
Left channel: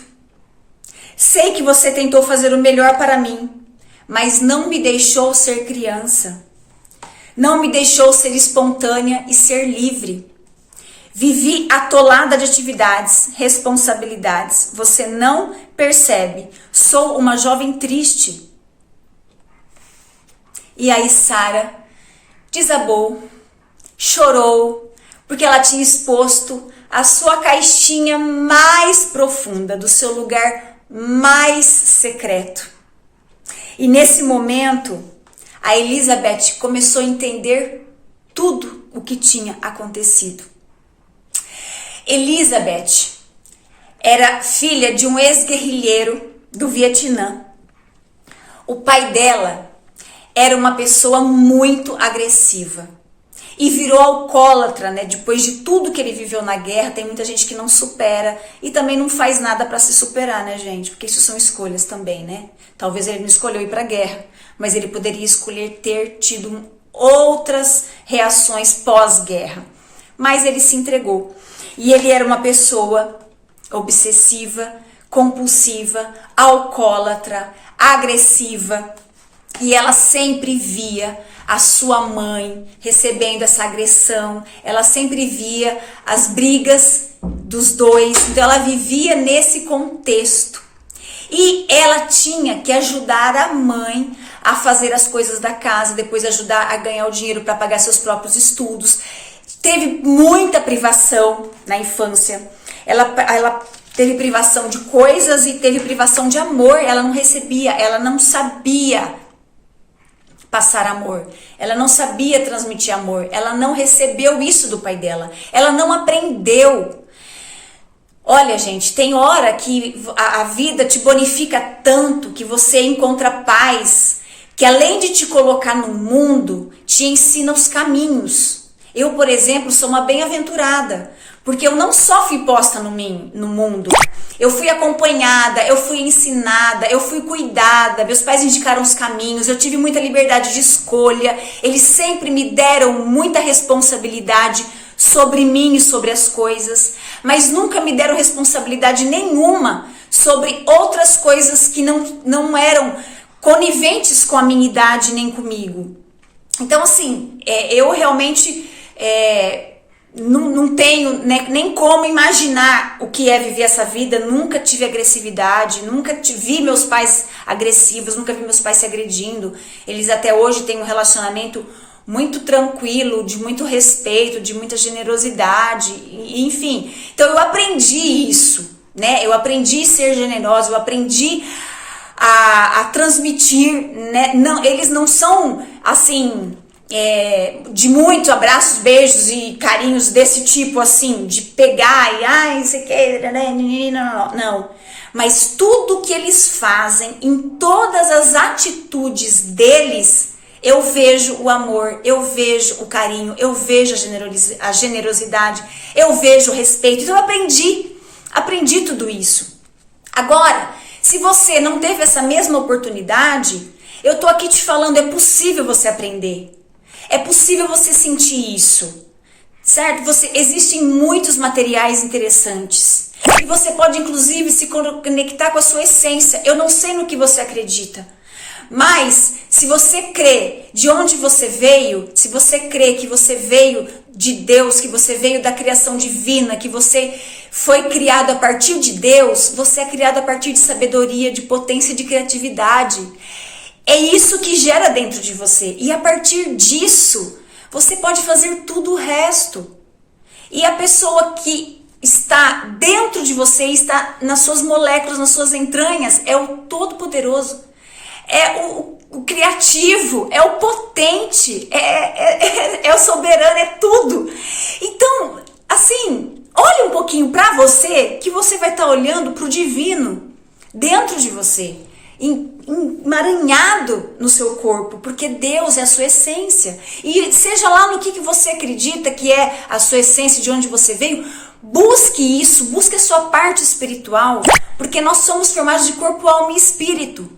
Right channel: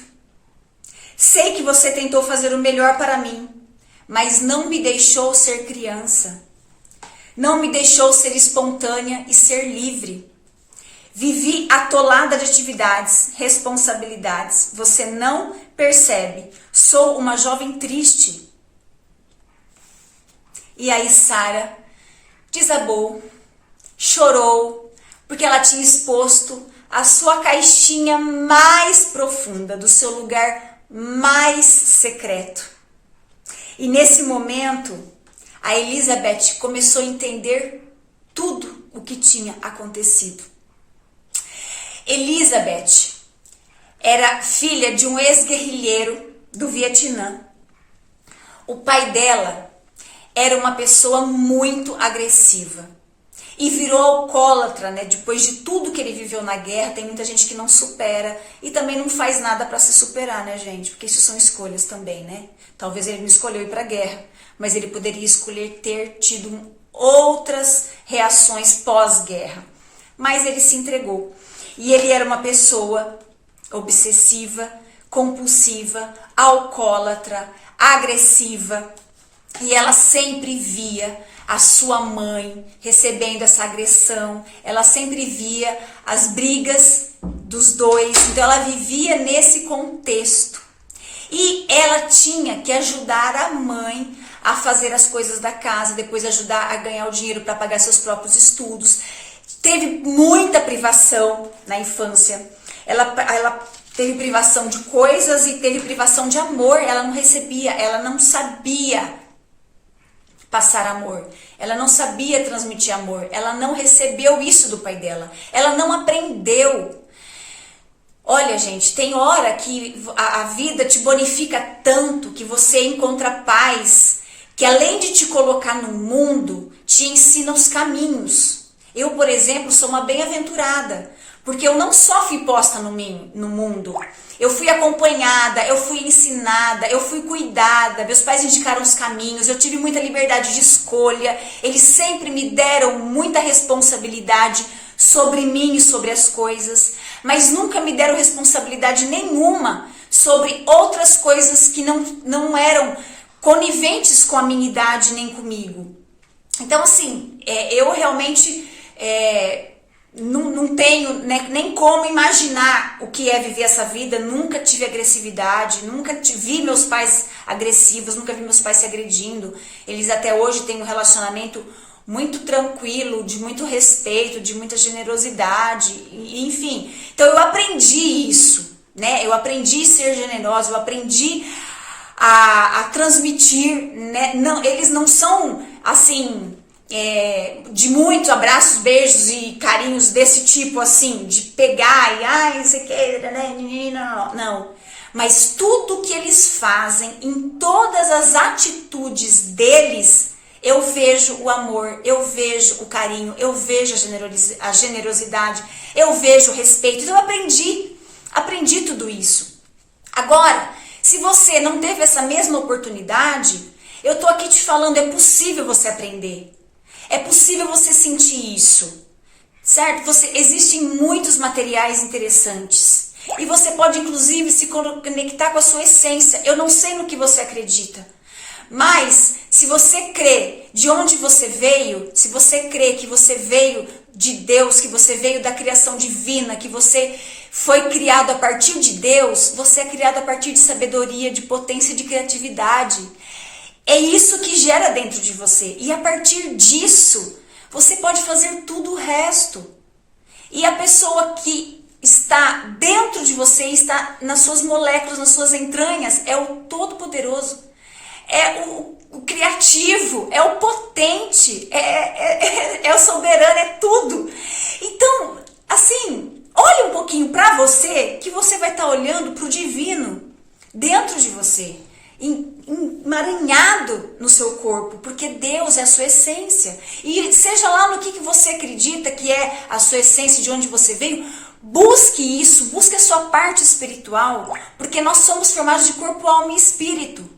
Sei que você tentou fazer o melhor para mim, mas não me deixou ser criança. Não me deixou ser espontânea e ser livre. Vivi atolada de atividades, responsabilidades. Você não percebe. Sou uma jovem triste. E aí Sara desabou, chorou, porque ela tinha exposto a sua caixinha mais profunda, do seu lugar mais secreto. E nesse momento, a Elizabeth começou a entender tudo o que tinha acontecido. Elizabeth era filha de um ex-guerrilheiro do Vietnã. O pai dela era uma pessoa muito agressiva. e virou alcoólatra, né? Depois de tudo que ele viveu na guerra, tem muita gente que não supera e também não faz nada para se superar, né, gente? Porque isso são escolhas também, né? Talvez ele não escolheu ir para a guerra, mas ele poderia escolher ter tido outras reações pós-guerra. Mas ele se entregou. E ele era uma pessoa obsessiva, compulsiva, alcoólatra, agressiva. E ela sempre via a sua mãe recebendo essa agressão. Ela sempre via as brigas dos dois. Então ela vivia nesse contexto. E ela tinha que ajudar a mãe a fazer as coisas da casa, depois ajudar a ganhar o dinheiro para pagar seus próprios estudos. Teve muita privação na infância. Ela teve privação de coisas e teve privação de amor. Ela não recebia, ela não sabia passar amor. Ela não sabia transmitir amor. Ela não recebeu isso do pai dela. Ela não aprendeu. Olha, gente, tem hora que a vida te bonifica tanto que você encontra pais que, além de te colocar no mundo, te ensina os caminhos. Eu, por exemplo, sou uma bem-aventurada, porque eu não só fui posta no mundo, eu fui acompanhada, eu fui ensinada, eu fui cuidada, meus pais indicaram os caminhos, eu tive muita liberdade de escolha, eles sempre me deram muita responsabilidade sobre mim e sobre as coisas, mas nunca me deram responsabilidade nenhuma sobre outras coisas que não eram coniventes com a minha idade nem comigo. Então, assim, eu realmente não tenho, né, nem como imaginar o que é viver essa vida. Nunca tive agressividade, nunca vi meus pais agressivos, nunca vi meus pais se agredindo. Eles até hoje têm um relacionamento muito tranquilo, de muito respeito, de muita generosidade, enfim. Então eu aprendi isso, né? Eu aprendi a ser generosa, eu aprendi a transmitir, né? Não, eles não são assim de muitos abraços, beijos e carinhos desse tipo, assim, de pegar e ai, você quer, né? Não. Mas tudo que eles fazem, em todas as atitudes deles, eu vejo o amor, eu vejo o carinho, eu vejo a generosidade, eu vejo o respeito. Então eu aprendi tudo isso. Agora, se você não teve essa mesma oportunidade, eu tô aqui te falando, é possível você aprender. É possível você sentir isso, certo? Existem muitos materiais interessantes. E você pode, inclusive, se conectar com a sua essência. Eu não sei no que você acredita. Mas, se você crê de onde você veio, se você crê que você veio de Deus, que você veio da criação divina, que você foi criado a partir de Deus, você é criado a partir de sabedoria, de potência e de criatividade. É isso que gera dentro de você. E a partir disso, você pode fazer tudo o resto. E a pessoa que está dentro de você, está nas suas moléculas, nas suas entranhas, é o Todo-Poderoso. É o criativo, é o potente, é o soberano, é tudo. Então, assim, olhe um pouquinho para você, que você vai estar olhando para o divino dentro de você, emaranhado no seu corpo, porque Deus é a sua essência. E seja lá no que você acredita que é a sua essência, de onde você veio, busque isso, busque a sua parte espiritual, porque nós somos formados de corpo, alma e espírito.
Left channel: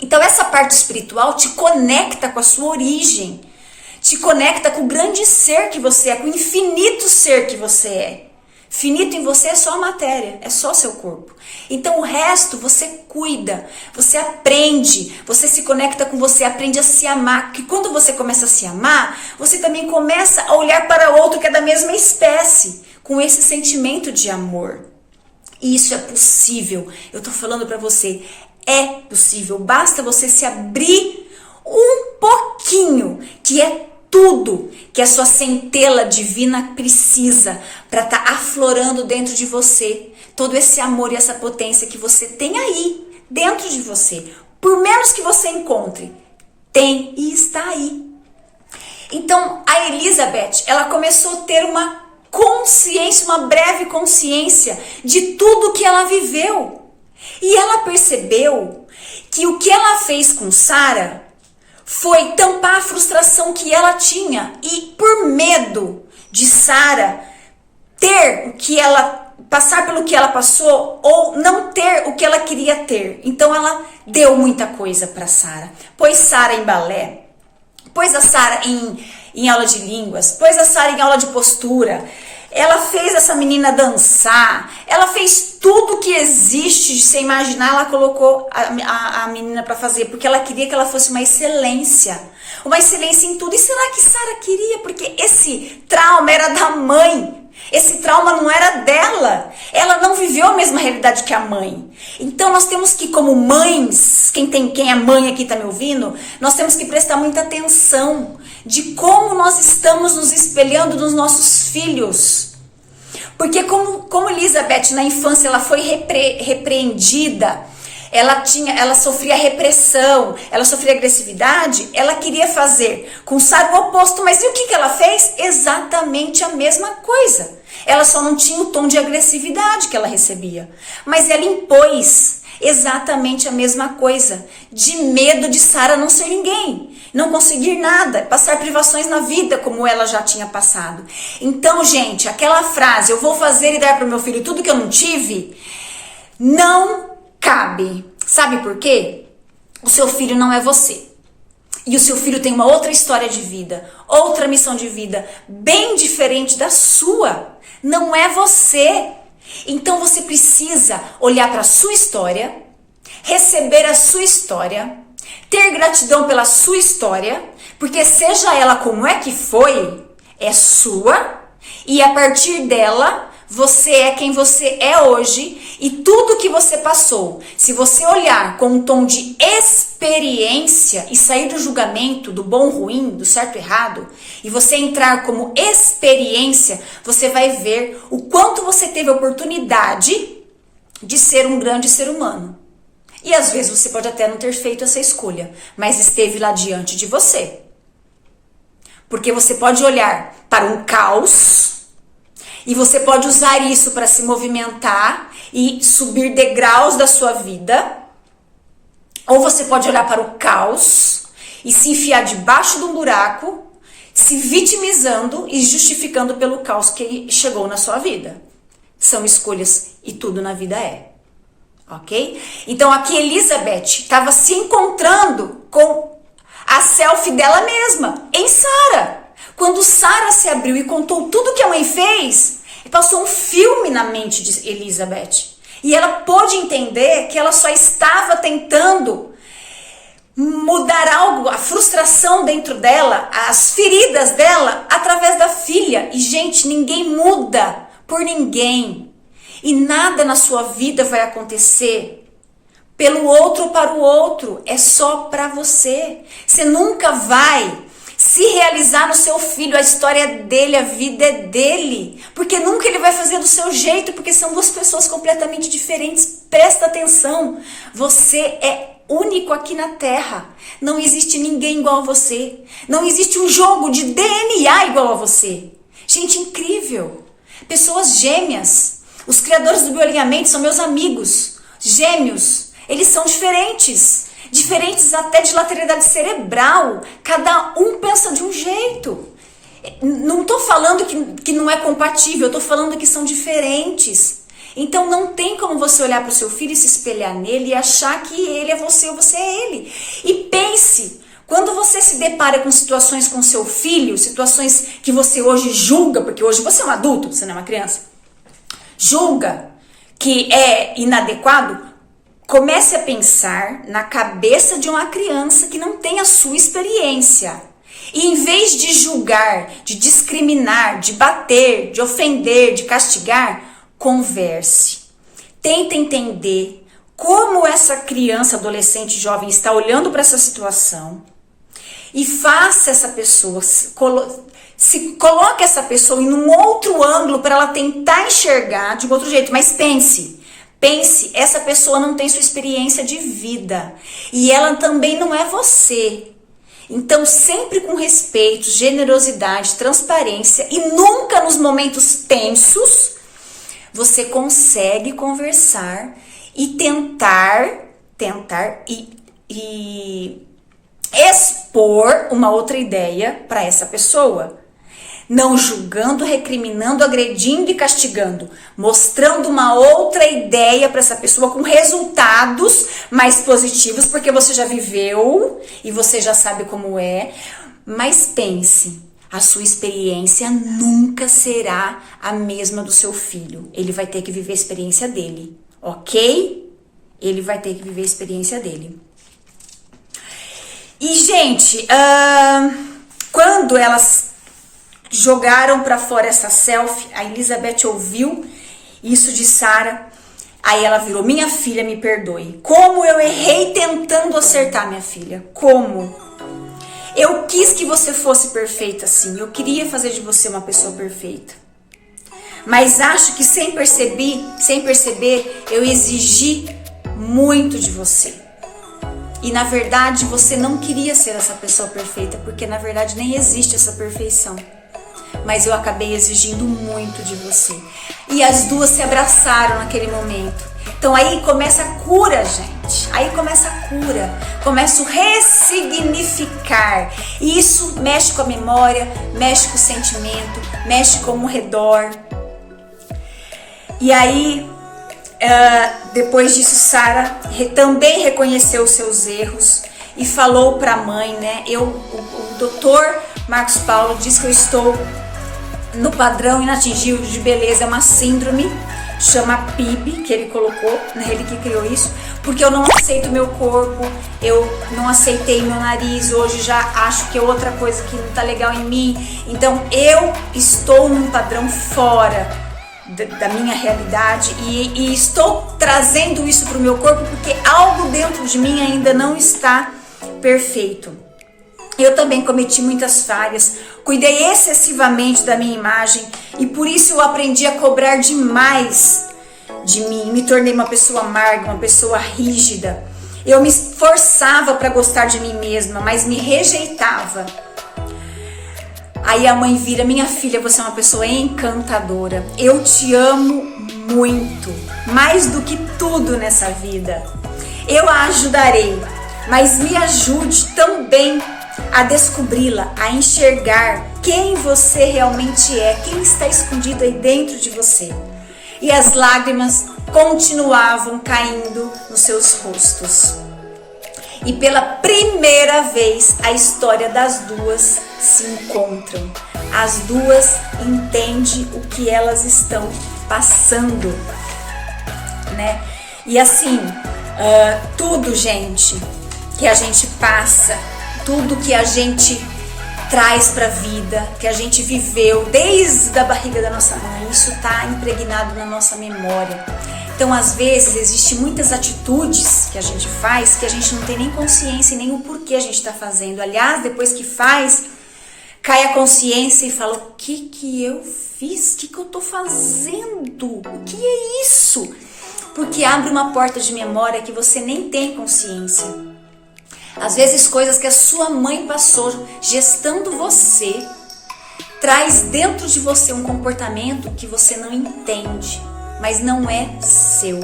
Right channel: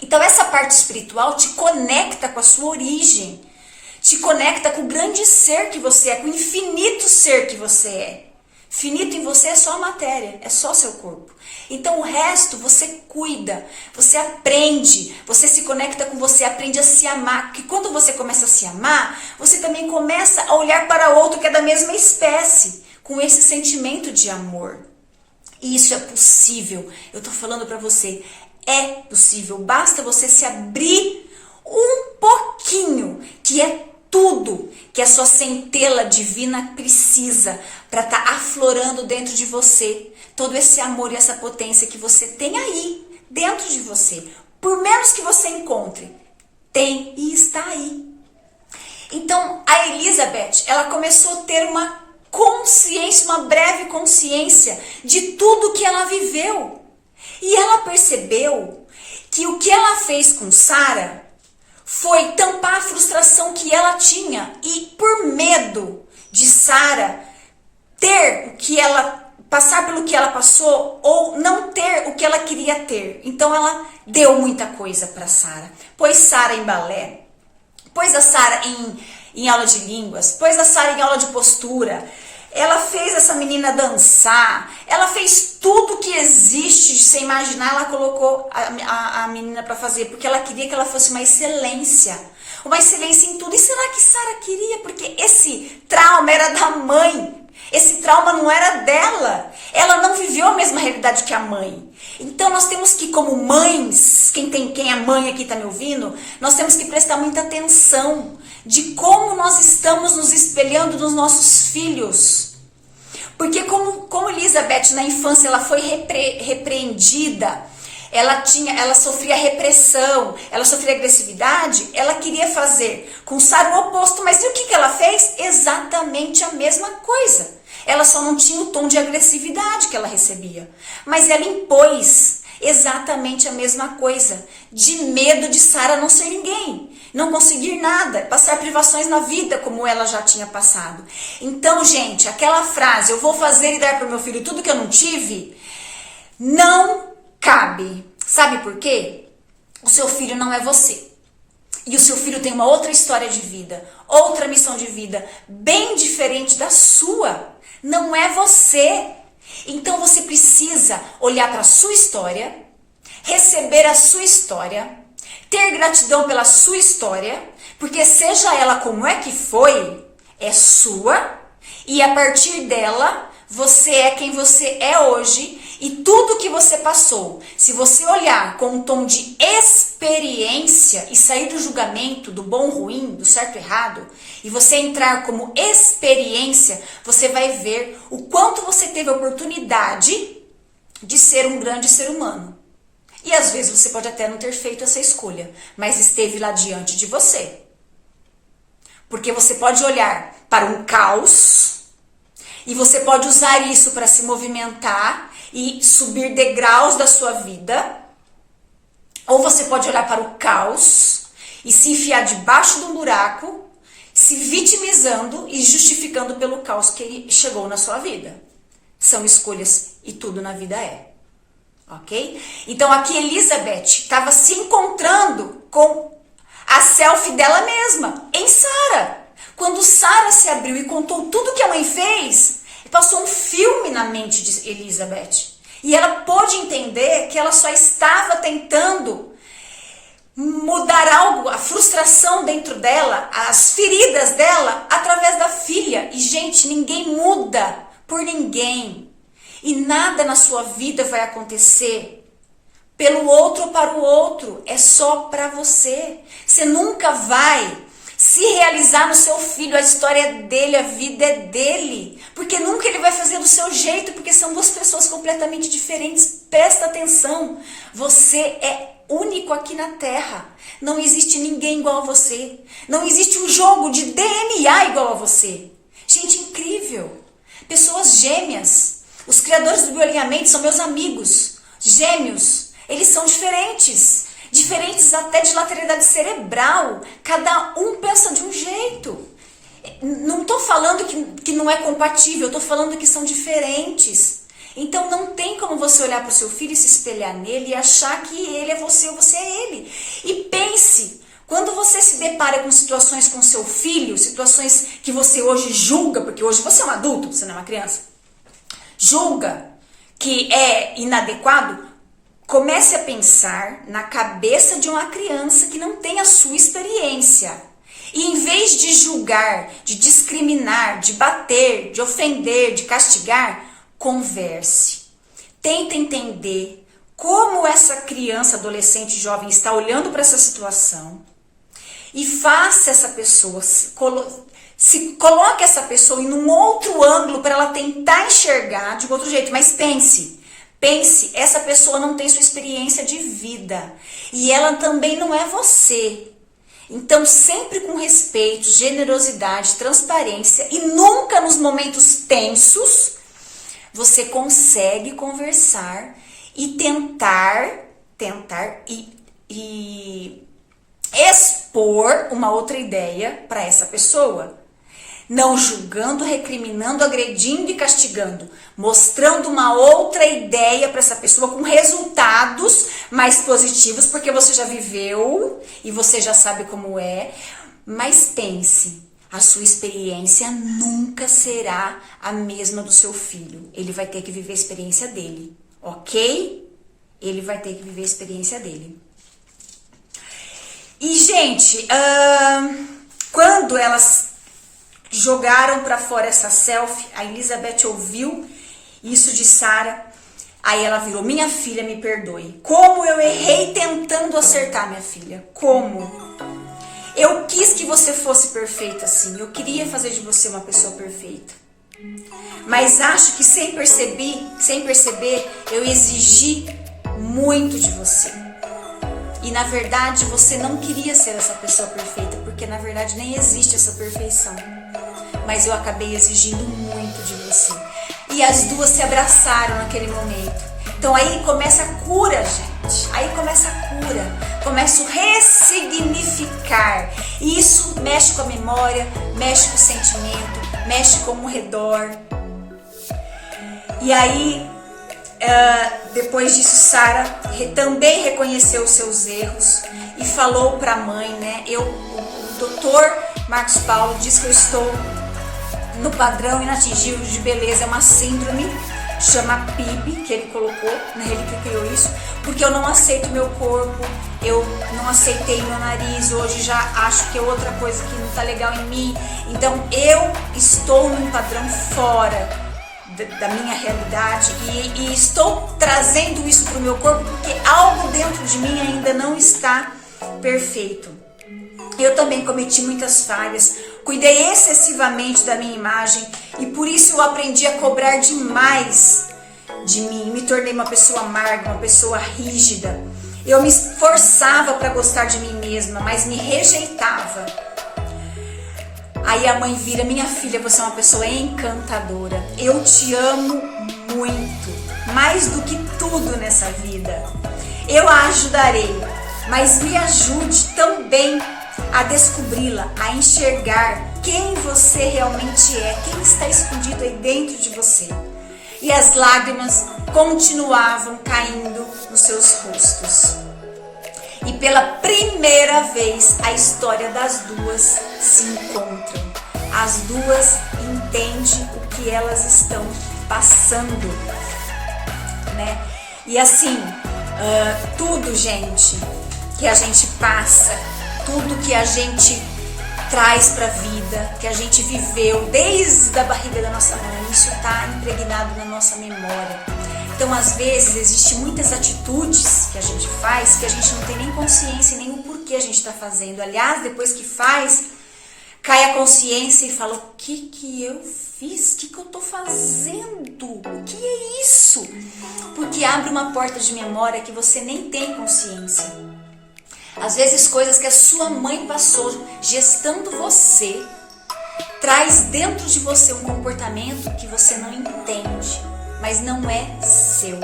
Então essa parte espiritual te conecta com a sua origem, te conecta com o grande ser que você é, com o infinito ser que você é. Finito em você é só a matéria, é só seu corpo. Então o resto você cuida, você aprende, você se conecta com você, aprende a se amar. Porque quando você começa a se amar, você também começa a olhar para outro que é da mesma espécie, com esse sentimento de amor. E isso é possível, eu tô falando para você, é possível. Basta você se abrir um pouquinho, que é tudo que a sua centelha divina precisa para estar aflorando dentro de você. Todo esse amor e essa potência que você tem aí, dentro de você. Por menos que você encontre, tem e está aí. Então, a Elizabeth, ela começou a ter uma consciência, uma breve consciência de tudo que ela viveu. E ela percebeu que o que ela fez com Sara foi tampar a frustração que ela tinha e por medo de Sara ter o que ela passar pelo que ela passou ou não ter o que ela queria ter. Então ela deu muita coisa para Sara. Pôs Sara em balé, pôs a Sara em aula de línguas, pôs a Sara em aula de postura. Ela fez essa menina dançar, ela fez tudo que existe de você imaginar, ela colocou a menina para fazer, porque ela queria que ela fosse uma excelência em tudo. E será que Sara queria? Porque esse trauma era da mãe, esse trauma não era dela, ela não viveu a mesma realidade que a mãe. Então nós temos que, como mães, quem é mãe aqui tá me ouvindo, nós temos que prestar muita atenção de como nós estamos nos espelhando nos nossos filhos. Porque como Elizabeth na infância ela foi repreendida, ela sofria repressão, ela sofria agressividade, ela queria fazer com Sara o oposto. Mas e o que ela fez? Exatamente a mesma coisa. Ela só não tinha o tom de agressividade que ela recebia. Mas ela impôs exatamente a mesma coisa, de medo de Sara não ser ninguém, não conseguir nada, passar privações na vida como ela já tinha passado. Então, gente, aquela frase, eu vou fazer e dar para o meu filho tudo que eu não tive, não cabe. Sabe por quê? O seu filho não é você. E o seu filho tem uma outra história de vida, outra missão de vida, bem diferente da sua. Não é você. Então você precisa olhar para a sua história, receber a sua história, ter gratidão pela sua história, porque seja ela como é que foi, é sua, e a partir dela, você é quem você é hoje, e tudo que você passou, se você olhar com um tom de experiência e sair do julgamento, do bom, ruim, do certo, errado, e você entrar como experiência, você vai ver o quanto você teve a oportunidade de ser um grande ser humano. E às vezes você pode até não ter feito essa escolha, mas esteve lá diante de você. Porque você pode olhar para um caos e você pode usar isso para se movimentar e subir degraus da sua vida. Ou você pode olhar para o caos e se enfiar debaixo de um buraco, se vitimizando e justificando pelo caos que chegou na sua vida. São escolhas e tudo na vida é. Ok? Então aqui Elizabeth estava se encontrando com a selfie dela mesma, em Sara. Quando Sara se abriu e contou tudo que a mãe fez, passou um filme na mente de Elizabeth. E ela pôde entender que ela só estava tentando mudar algo, a frustração dentro dela, as feridas dela, através da filha. E, gente, ninguém muda por ninguém. E nada na sua vida vai acontecer pelo outro ou para o outro. É só para você. Você nunca vai se realizar no seu filho. A história é dele, a vida é dele. Porque nunca ele vai fazer do seu jeito, porque são duas pessoas completamente diferentes. Presta atenção. Você é único aqui na Terra. Não existe ninguém igual a você. Não existe um jogo de DNA igual a você. Gente, incrível. Pessoas gêmeas. Os criadores do bioalinhamento são meus amigos. Gêmeos. Eles são diferentes. Diferentes até de lateralidade cerebral. Cada um pensa de um jeito. Não estou falando que não é compatível. Estou falando que são diferentes. Então não tem como você olhar para o seu filho e se espelhar nele e achar que ele é você ou você é ele. E pense, quando você se depara com situações com seu filho, situações que você hoje julga, porque hoje você é um adulto, você não é uma criança, julga que é inadequado, comece a pensar na cabeça de uma criança que não tem a sua experiência. E em vez de julgar, de discriminar, de bater, de ofender, de castigar, converse. Tenta entender como essa criança, adolescente, jovem está olhando para essa situação e faça essa pessoa, coloque essa pessoa em um outro ângulo para ela tentar enxergar de um outro jeito. Mas pense, essa pessoa não tem sua experiência de vida e ela também não é você. Então, sempre com respeito, generosidade, transparência e nunca nos momentos tensos, você consegue conversar e tentar e expor uma outra ideia para essa pessoa. Não julgando, recriminando, agredindo e castigando. Mostrando uma outra ideia para essa pessoa com resultados mais positivos, porque você já viveu e você já sabe como é. Mas pense, a sua experiência nunca será a mesma do seu filho. Ele vai ter que viver a experiência dele, ok? Ele vai ter que viver a experiência dele. E, gente, quando elas jogaram para fora essa selfie, a Elizabeth ouviu isso de Sara, aí ela virou: minha filha, me perdoe. Como eu errei tentando acertar, minha filha. Como? Eu quis que você fosse perfeita, sim. Eu queria fazer de você uma pessoa perfeita. Mas acho que sem perceber, eu exigi muito de você. E na verdade, você não queria ser essa pessoa perfeita, porque na verdade nem existe essa perfeição. Mas eu acabei exigindo muito de você. E as duas se abraçaram naquele momento. Então aí começa a cura, gente. Aí começa a cura. Começa o ressignificar. E isso mexe com a memória, mexe com o sentimento, mexe com o redor. E aí, depois disso, Sara também reconheceu os seus erros e falou para a mãe, né? O doutor Marcos Paulo diz que eu estou no padrão inatingível de beleza. É uma síndrome, chama PIB, que ele colocou, né? Ele que criou isso, porque eu não aceito meu corpo, eu não aceitei meu nariz, hoje já acho que é outra coisa que não tá legal em mim. Então eu estou num padrão fora da minha realidade e estou trazendo isso para o meu corpo porque algo dentro de mim ainda não está perfeito. Eu também cometi muitas falhas, cuidei excessivamente da minha imagem e por isso eu aprendi a cobrar demais de mim. Me tornei uma pessoa amarga, uma pessoa rígida. Eu me esforçava para gostar de mim mesma, mas me rejeitava. Aí a mãe vira: minha filha, você é uma pessoa encantadora. Eu te amo muito, mais do que tudo nessa vida. Eu a ajudarei, mas me ajude também a descobri-la, a enxergar quem você realmente é, quem está escondido aí dentro de você. E as lágrimas continuavam caindo nos seus rostos. E pela primeira vez a história das duas se encontram. As duas entendem o que elas estão passando, né? E assim, tudo, gente, que a gente passa, tudo que a gente traz para a vida, que a gente viveu desde a barriga da nossa mãe, isso está impregnado na nossa memória. Então, às vezes, existem muitas atitudes que a gente faz que a gente não tem nem consciência e nem o porquê a gente está fazendo. Aliás, depois que faz, cai a consciência e fala: o que eu fiz? O que eu estou fazendo? O que é isso? Porque abre uma porta de memória que você nem tem consciência. Às vezes, coisas que a sua mãe passou gestando você, traz dentro de você um comportamento que você não entende, mas não é seu.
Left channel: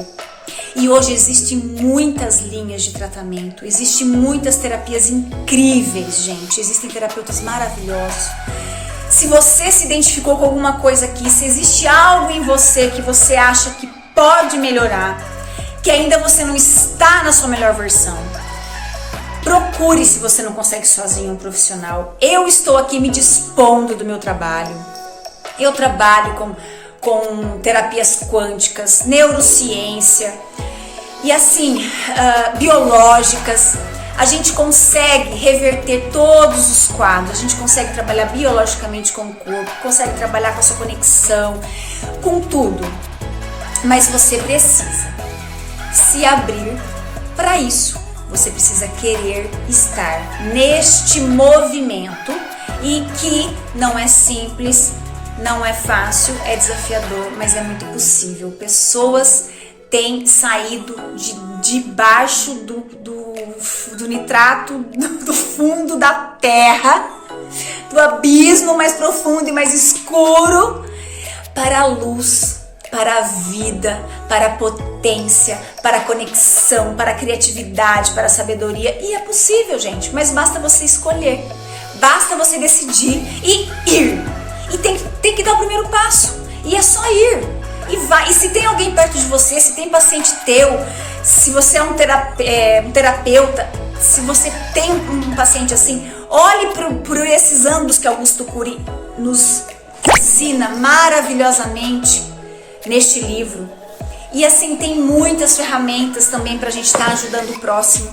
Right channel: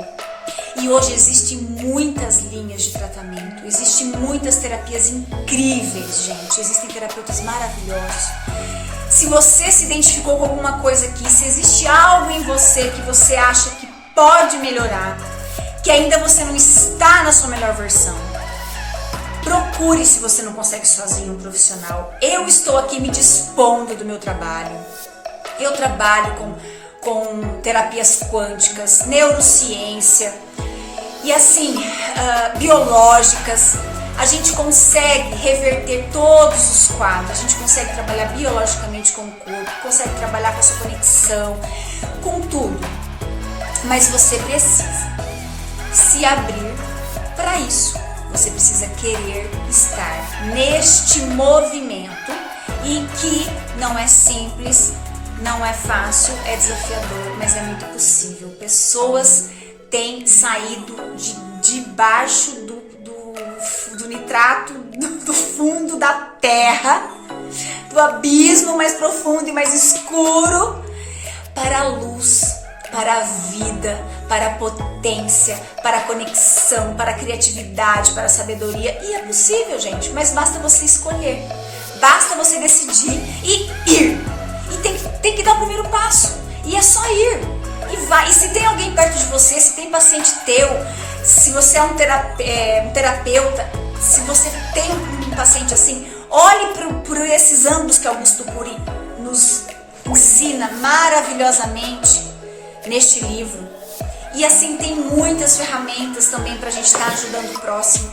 E hoje existem muitas linhas de tratamento, existem muitas terapias incríveis, gente. Existem terapeutas maravilhosos. Se você se identificou com alguma coisa aqui, se existe algo em você que você acha que pode melhorar, que ainda você não está na sua melhor versão, procure, se você não consegue sozinho, um profissional. Eu estou aqui me dispondo do meu trabalho. Eu trabalho com terapias quânticas, neurociência e assim, biológicas. A gente consegue reverter todos os quadros, a gente consegue trabalhar biologicamente com o corpo, consegue trabalhar com a sua conexão, com tudo. Mas você precisa se abrir para isso. Você precisa querer estar neste movimento e que não é simples, não é fácil, é desafiador, mas é muito possível. Pessoas têm saído debaixo do nitrato, do fundo da terra, do abismo mais profundo e mais escuro, para a luz, para a vida, para a potência, para a conexão, para a criatividade, para a sabedoria. E é possível, gente, mas basta você escolher, basta você decidir e ir. E tem que dar o primeiro passo, e é só ir. E vai. E se tem alguém perto de você, se tem paciente teu, se você é um terapeuta, se você tem um paciente assim, olhe por esses ângulos que Augusto Cury nos ensina maravilhosamente neste livro. E assim, tem muitas ferramentas também pra gente estar ajudando o próximo.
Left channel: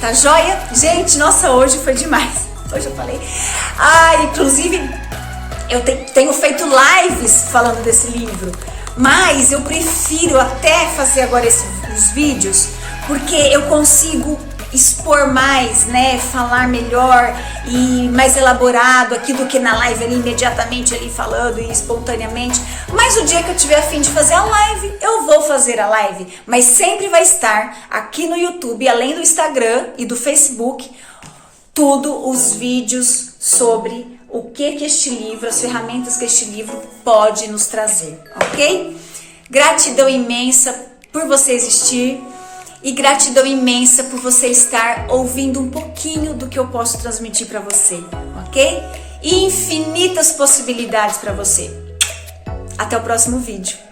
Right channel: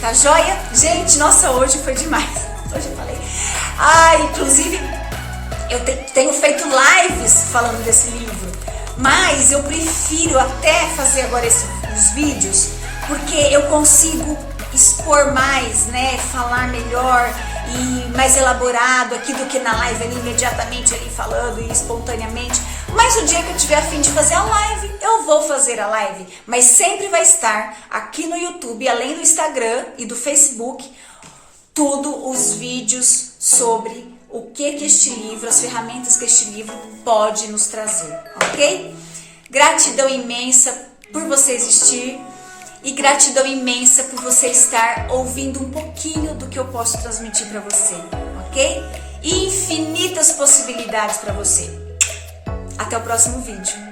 Tá joia? Gente, nossa, hoje foi demais. Hoje eu falei. Inclusive, eu tenho feito lives falando desse livro. Mas eu prefiro até fazer agora os vídeos, porque eu consigo expor mais, né? Falar melhor e mais elaborado aqui do que na live ali, imediatamente ali falando e espontaneamente. Mas o dia que eu tiver a fim de fazer a live, eu vou fazer a live. Mas sempre vai estar aqui no YouTube, além do Instagram e do Facebook, tudo os vídeos sobre o que este livro, as ferramentas que este livro pode nos trazer, ok? Gratidão imensa por você existir e gratidão imensa por você estar ouvindo um pouquinho do que eu posso transmitir para você, ok? E infinitas possibilidades para você. Até o próximo vídeo.